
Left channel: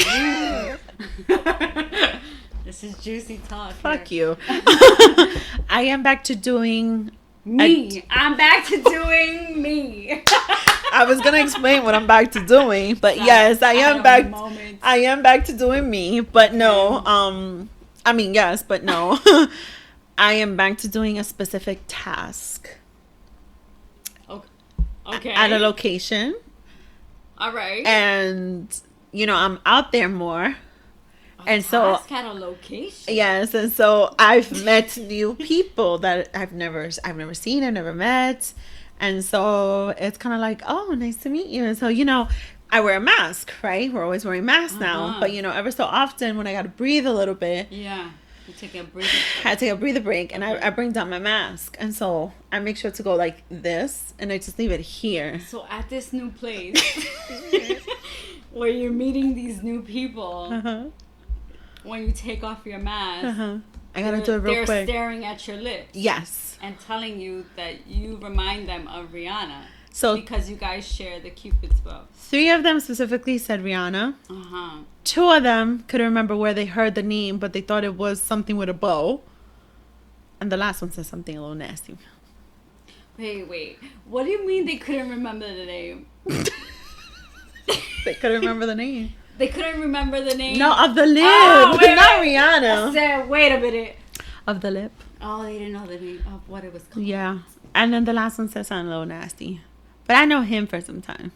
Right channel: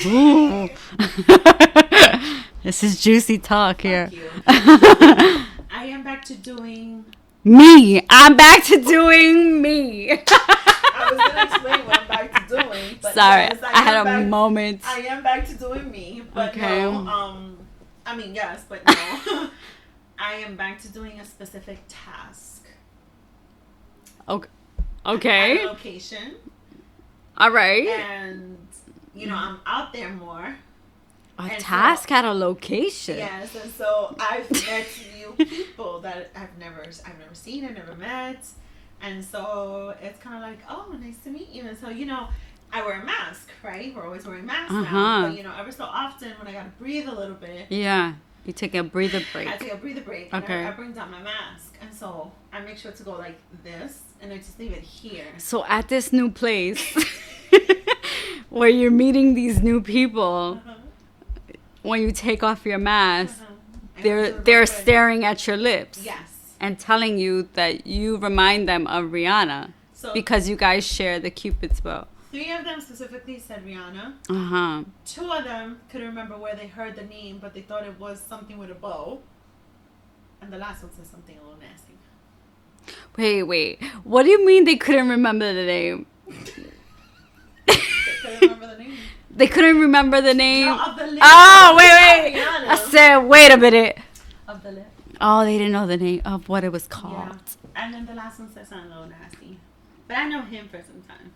This is juicy talk here. Fuck you. I am back to doing me. I'm back to doing me. I was gonna explain what I'm back to doing, but Sorry, yes, I am back. Moment. I am back to doing me, but okay. No. I mean, yes, but no. I am back to doing a specific task. Okay. At a location. All right. And I'm out there more. A task at a location. Yes, and so I've met new people that I've never seen, I've never met. And so it's kind of like, oh, nice to meet you. And so, I wear a mask, right? We're always wearing masks now. But, ever so often when I got to breathe a little bit. Yeah. You take a breather break. I take a breather break and I bring down my mask. And so I make sure to go like this and I just leave it here. So at this new place where you're meeting these new people, when you take off your mask, they're staring at your lips. Yes. And telling you that you remind them of Rihanna. So because you guys share the Cupid's bow. 3 of them specifically said Rihanna. 2 of them couldn't remember where they heard the name, but they thought it was something with a bow. And the last one said something a little nasty. Wait. What do you mean they couldn't remember the name? They couldn't remember the name. They couldn't remember the name? No, of the lip. Oh, wait. Rihanna. I said, wait a minute. Of the lip. Oh, they didn't know the name of what it was called. Yeah. And then the last one said something a little nasty. But I know him for some time.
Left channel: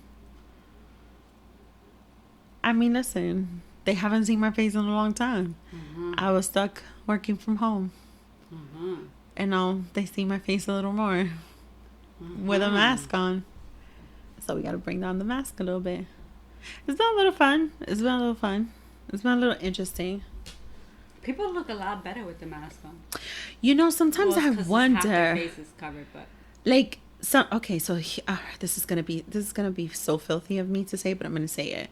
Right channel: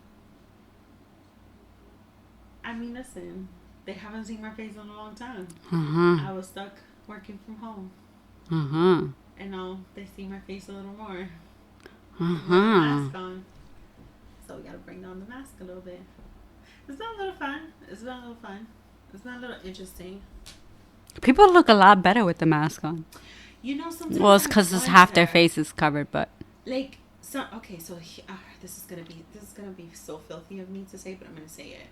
I mean, listen, they haven't seen my face in a long time. I was stuck working from home. And now they see my face a little more with a mask on. So we got to bring down the mask a little bit. It's been a little fun. It's been a little interesting. People look a lot better with the mask on. Sometimes well, it's because half their face is covered, but like this is gonna be so filthy of me to say, but I'm gonna say it.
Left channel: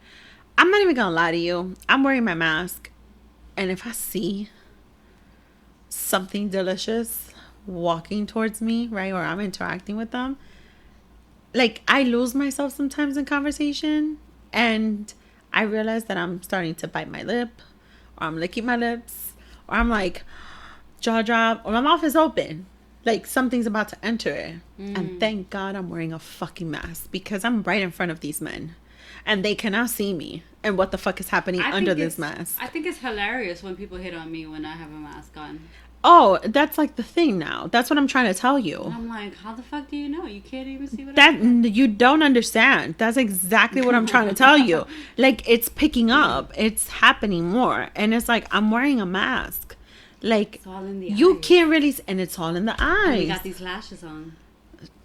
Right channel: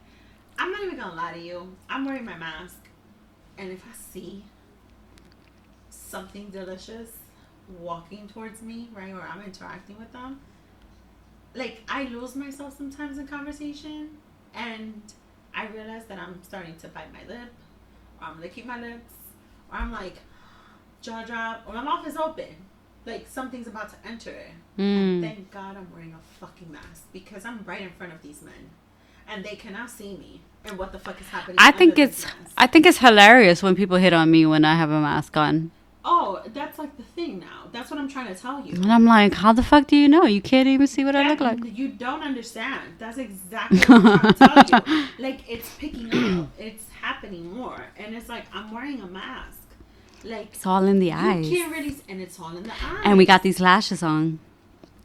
I'm not even gonna lie to you. I'm wearing my mask, and if I see something delicious walking towards me, right, or I'm interacting with them, like I lose myself sometimes in conversation, and I realize that I'm starting to bite my lip, or I'm licking my lips, or I'm like jaw drop, or my mouth is open, like something's about to enter it. And thank God I'm wearing a fucking mask because I'm right in front of these men and they cannot see me and what the fuck is happening under this mask. I think it's hilarious when people hit on me when I have a mask on. Oh, that's like the thing now. That's what I'm trying to tell you. And I'm like, how the fuck do you know? You can't even see what I look like. You don't understand. That's exactly what I'm trying to tell you. Like, it's picking up. It's happening more. And it's like, I'm wearing a mask. Like, it's all in the eyes. You can't really... And it's all in the eyes. And we got these lashes on.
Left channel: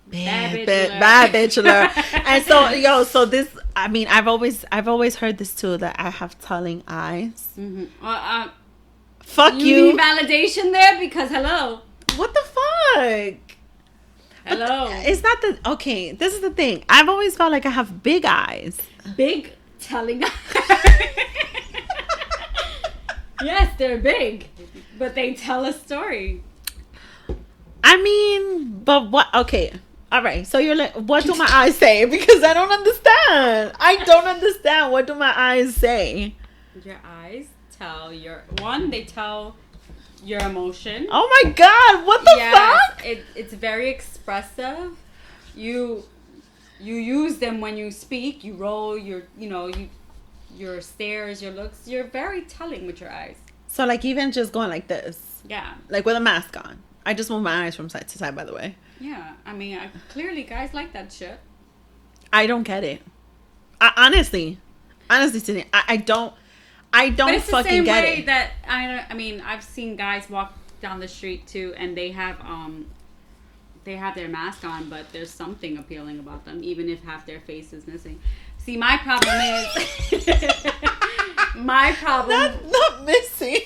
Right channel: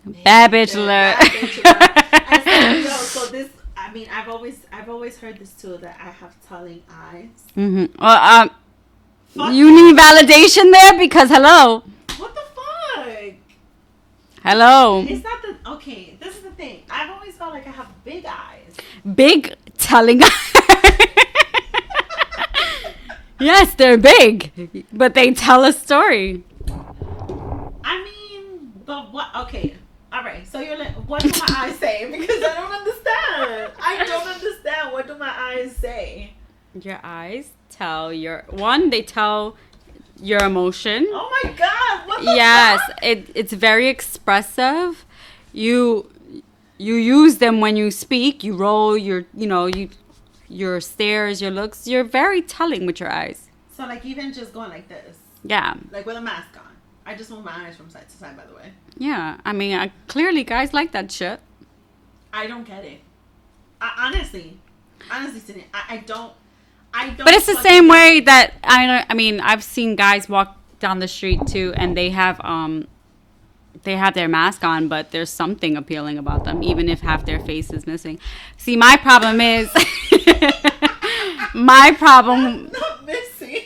Bad bitch alert. Bad bitch alert. And so, so this... I mean, I've always heard this too, that I have telling eyes. Mm-hmm. Well, fuck you need validation there? Because, hello. What the fuck? Hello. It's not the... Okay, this is the thing. I've always felt like I have big eyes. Big telling eyes. Yes, they're big. But they tell a story. I mean, but what... Okay. All right. So you're like, what do my eyes say? Because I don't understand. I don't understand. What do my eyes say? Your eyes tell they tell your emotion. Oh my God. What the fuck? Yes. It's very expressive. You use them when you speak. You roll your stares, your looks. You're very telling with your eyes. So like even just going like this. Yeah. Like with a mask on. I just move my eyes from side to side, by the way. Yeah. I mean, clearly guys like that shit. I don't get it. Honestly, Tina, I don't. But it's the same way that I mean, I've seen guys walk down the street too, and they have their mask on, but there's something appealing about them, even if half their face is missing. See, my problem is not missing.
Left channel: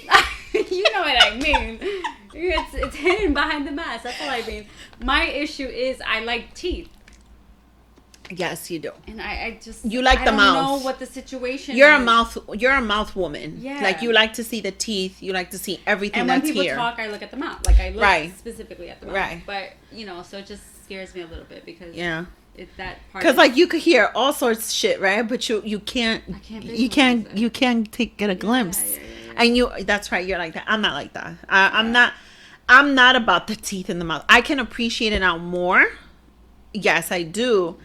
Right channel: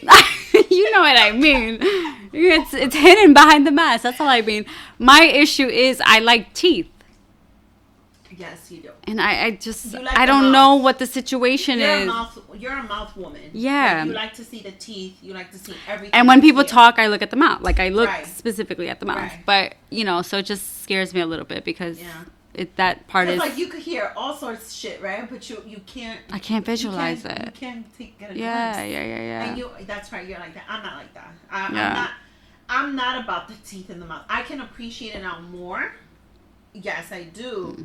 You know what I mean. It's hidden behind the mask. That's all I mean. My issue is I like teeth. Yes, you do. And I I don't know what the situation is. You're a mouth woman. Yeah. Like you like to see the teeth. You like to see everything. And when people talk, I look at the mouth. Like I look specifically at the mouth. Right. But so it just scares me a little bit because that part because like you could hear all sorts of shit, right? But you can't. I can't visualize You can't get a glimpse. Yeah. And that's right. You're like that. I'm not like that. I'm not about the teeth in the mouth. I can appreciate it now more. Yes, I do.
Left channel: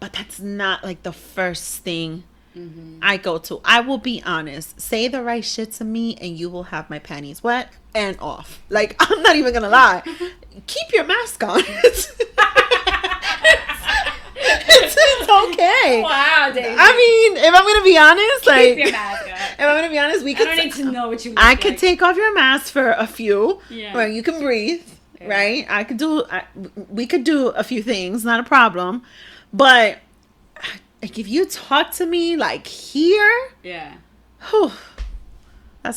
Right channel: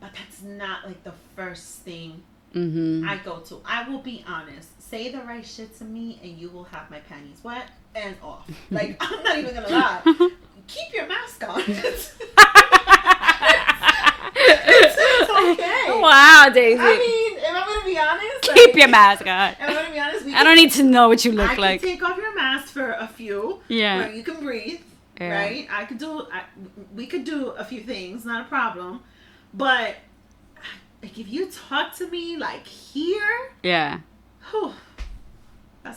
But that's not like the first thing I go to. I will be honest. Say the right shit to me and you will have my panties wet and off. Like, I'm not even going to lie. Keep your mask on. It's okay. Wow, Daisy. I mean, if I'm going to be honest. Keep your mask on. If I'm going to be honest. I don't need to know what you look like. I could take off your mask for a few. Yeah. Where you can breathe. Yeah. Right? We could do a few things. Not a problem. But like if you talk to me like here, that's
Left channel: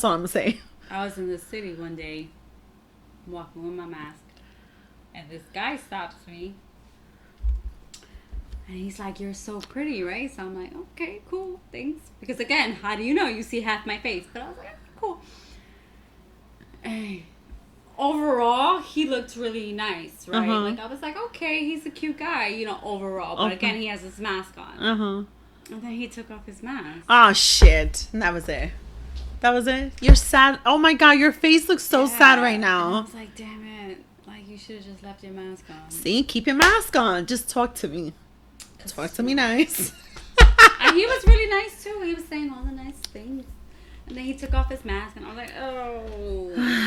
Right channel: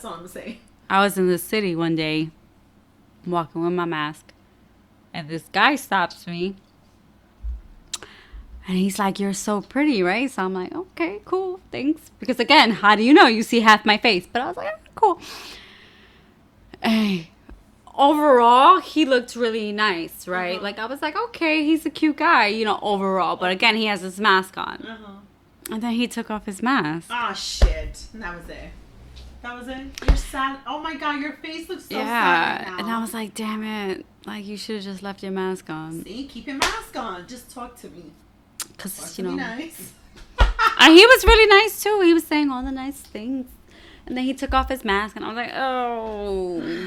all I'm gonna say. I was in the city one day, walking with my mask, and this guy stops me, and he's like, "You're so pretty, right?" So I'm like, "Okay, cool, thanks." Because again, how do you know? You see half my face, but I was like, "Cool." Hey. Overall, he looked really nice, right? Like, I was like, okay, he's a cute guy, overall. But again, he has his mask on. And then he took off his mask. Oh, shit. That was it. You're sad. Oh, my God. Your face looks so sad right now. And I was like, damn it. Like, you should have just left your mask on. See? Keep your mask on. Just talk to me. Talk to me nice. And he was really nice, too. He was saying all the nice things. And then he took off his mask, and I was like, oh...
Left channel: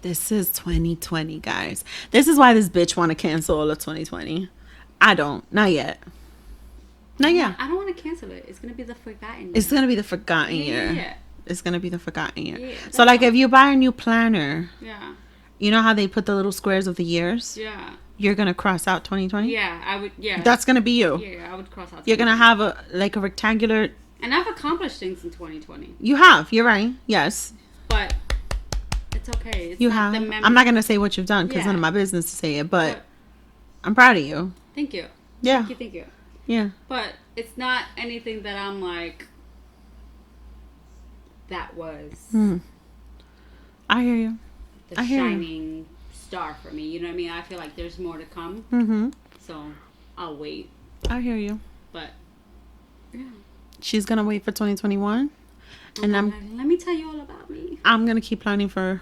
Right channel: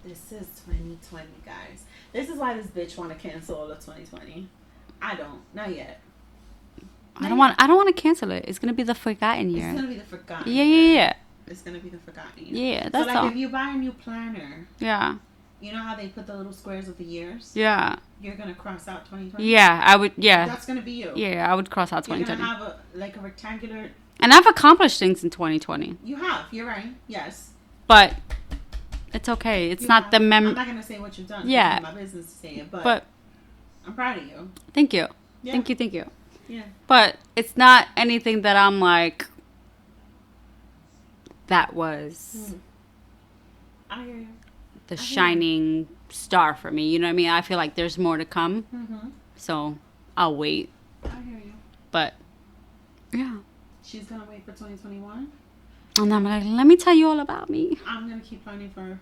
This is 2020, guys. This is why this bitch want to cancel all of 2020. I don't. Not yet. I don't want to cancel it. It's going to be the forgotten year. It's going to be the forgotten year. Yeah. It's going to be the forgotten year. Yeah. So, like, if you buy a new planner. Yeah. You know how they put the little squares of the years? Yeah. You're going to cross out 2020? Yeah, I would. Yeah. That's going to be you. Yeah, I would cross out 2020. You're going to have a rectangular. And I've accomplished things in 2020. You have. You're right. Yes. But... It's okay. It's not the memory. I'm not going to say what you've done because it's not my business to say it, but I'm proud of you. Thank you. Yeah. Thank you. Yeah. But it's not anything that I'm like, that was I hear you. The shining star for me. You know what I mean? I feel like there's more to come. Mm-hmm. So I'll wait. I hear you. But, yeah. She's going to wait for 2021. And I'm like, let me tell you all about me. I'm going to keep planning for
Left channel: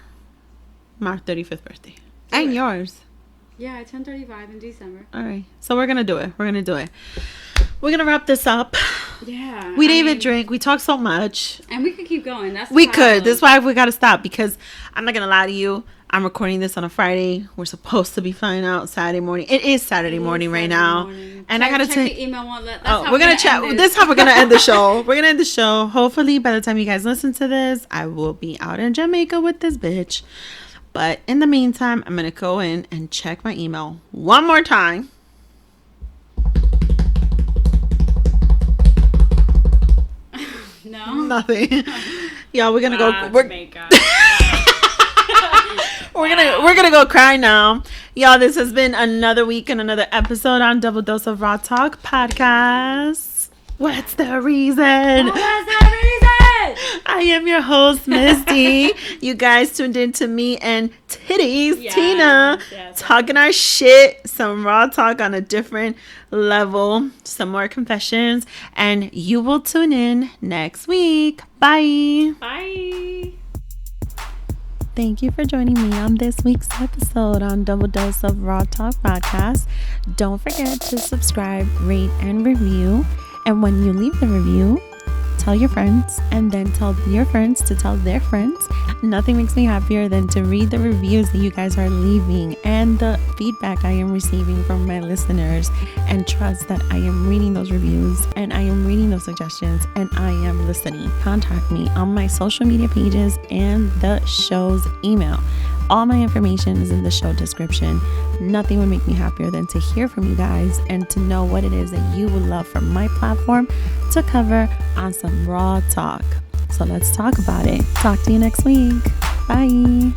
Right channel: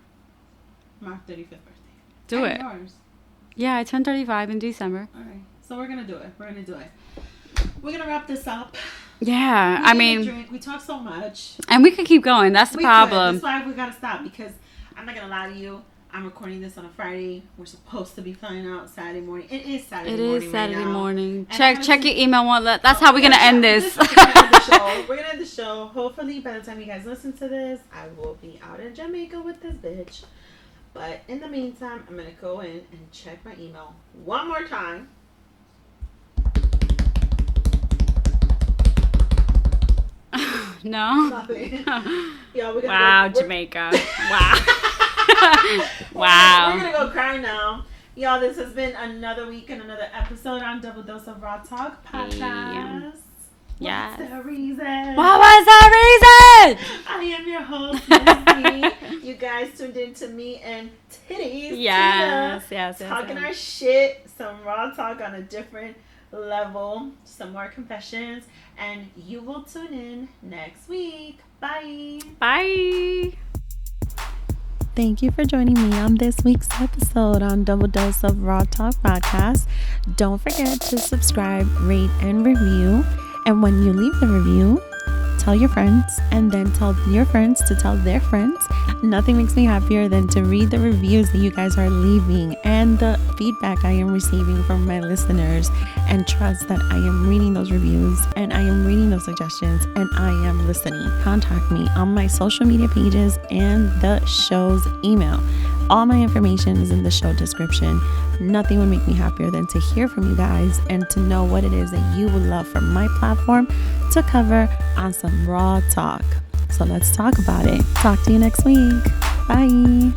my 35th birthday. Do it. Yours. Yeah, I turned 35 in December. All right. So we're going to do it. We're going to wrap this up. Yeah. We didn't even drink. We talked so much. And we could keep going. That's the problem. We could. That's why we got to stop because I'm not going to lie to you. I'm recording this on a Friday. We're supposed to be flying out Saturday morning. It is Saturday morning right now. And I gotta check your email. That's how we're gonna end this. This is how we're gonna end the show. We're gonna end the show. Hopefully, by the time you guys listen to this, I will be out in Jamaica with this bitch. But in the meantime, I'm gonna go in and check my email one more time. No, nothing. Y'all, we're gonna go Jamaica. Wow. We're gonna go cry now. Y'all, this has been another week and another episode on Double Dose of Raw Talk podcast. What's the reason? What was the reason? I am your host, Misty. You guys tuned in to me and Titties, Tina, talking our shit, some raw talk on a different level, some more confessions, and you will tune in next week. Bye. Bye. Thank you for joining me on this week's episode on Double Dose of Raw Talk podcast. Don't forget to subscribe, rate, and review. And when you leave the review, tell your friends, and then tell your friends to tell their friends. Nothing makes me happier than to read the reviews that you guys are leaving and the feedback I am receiving from my listeners, and trust that I am reading those reviews and I am reading those suggestions and I am listening. Contact me on my social media pages and the show's email. All my information is in the show description. Nothing would make me happier than to hear from you guys and to know what it is that you would love from my platform to cover on some raw talk. So let's talk about it. Talk to you next week. Bye.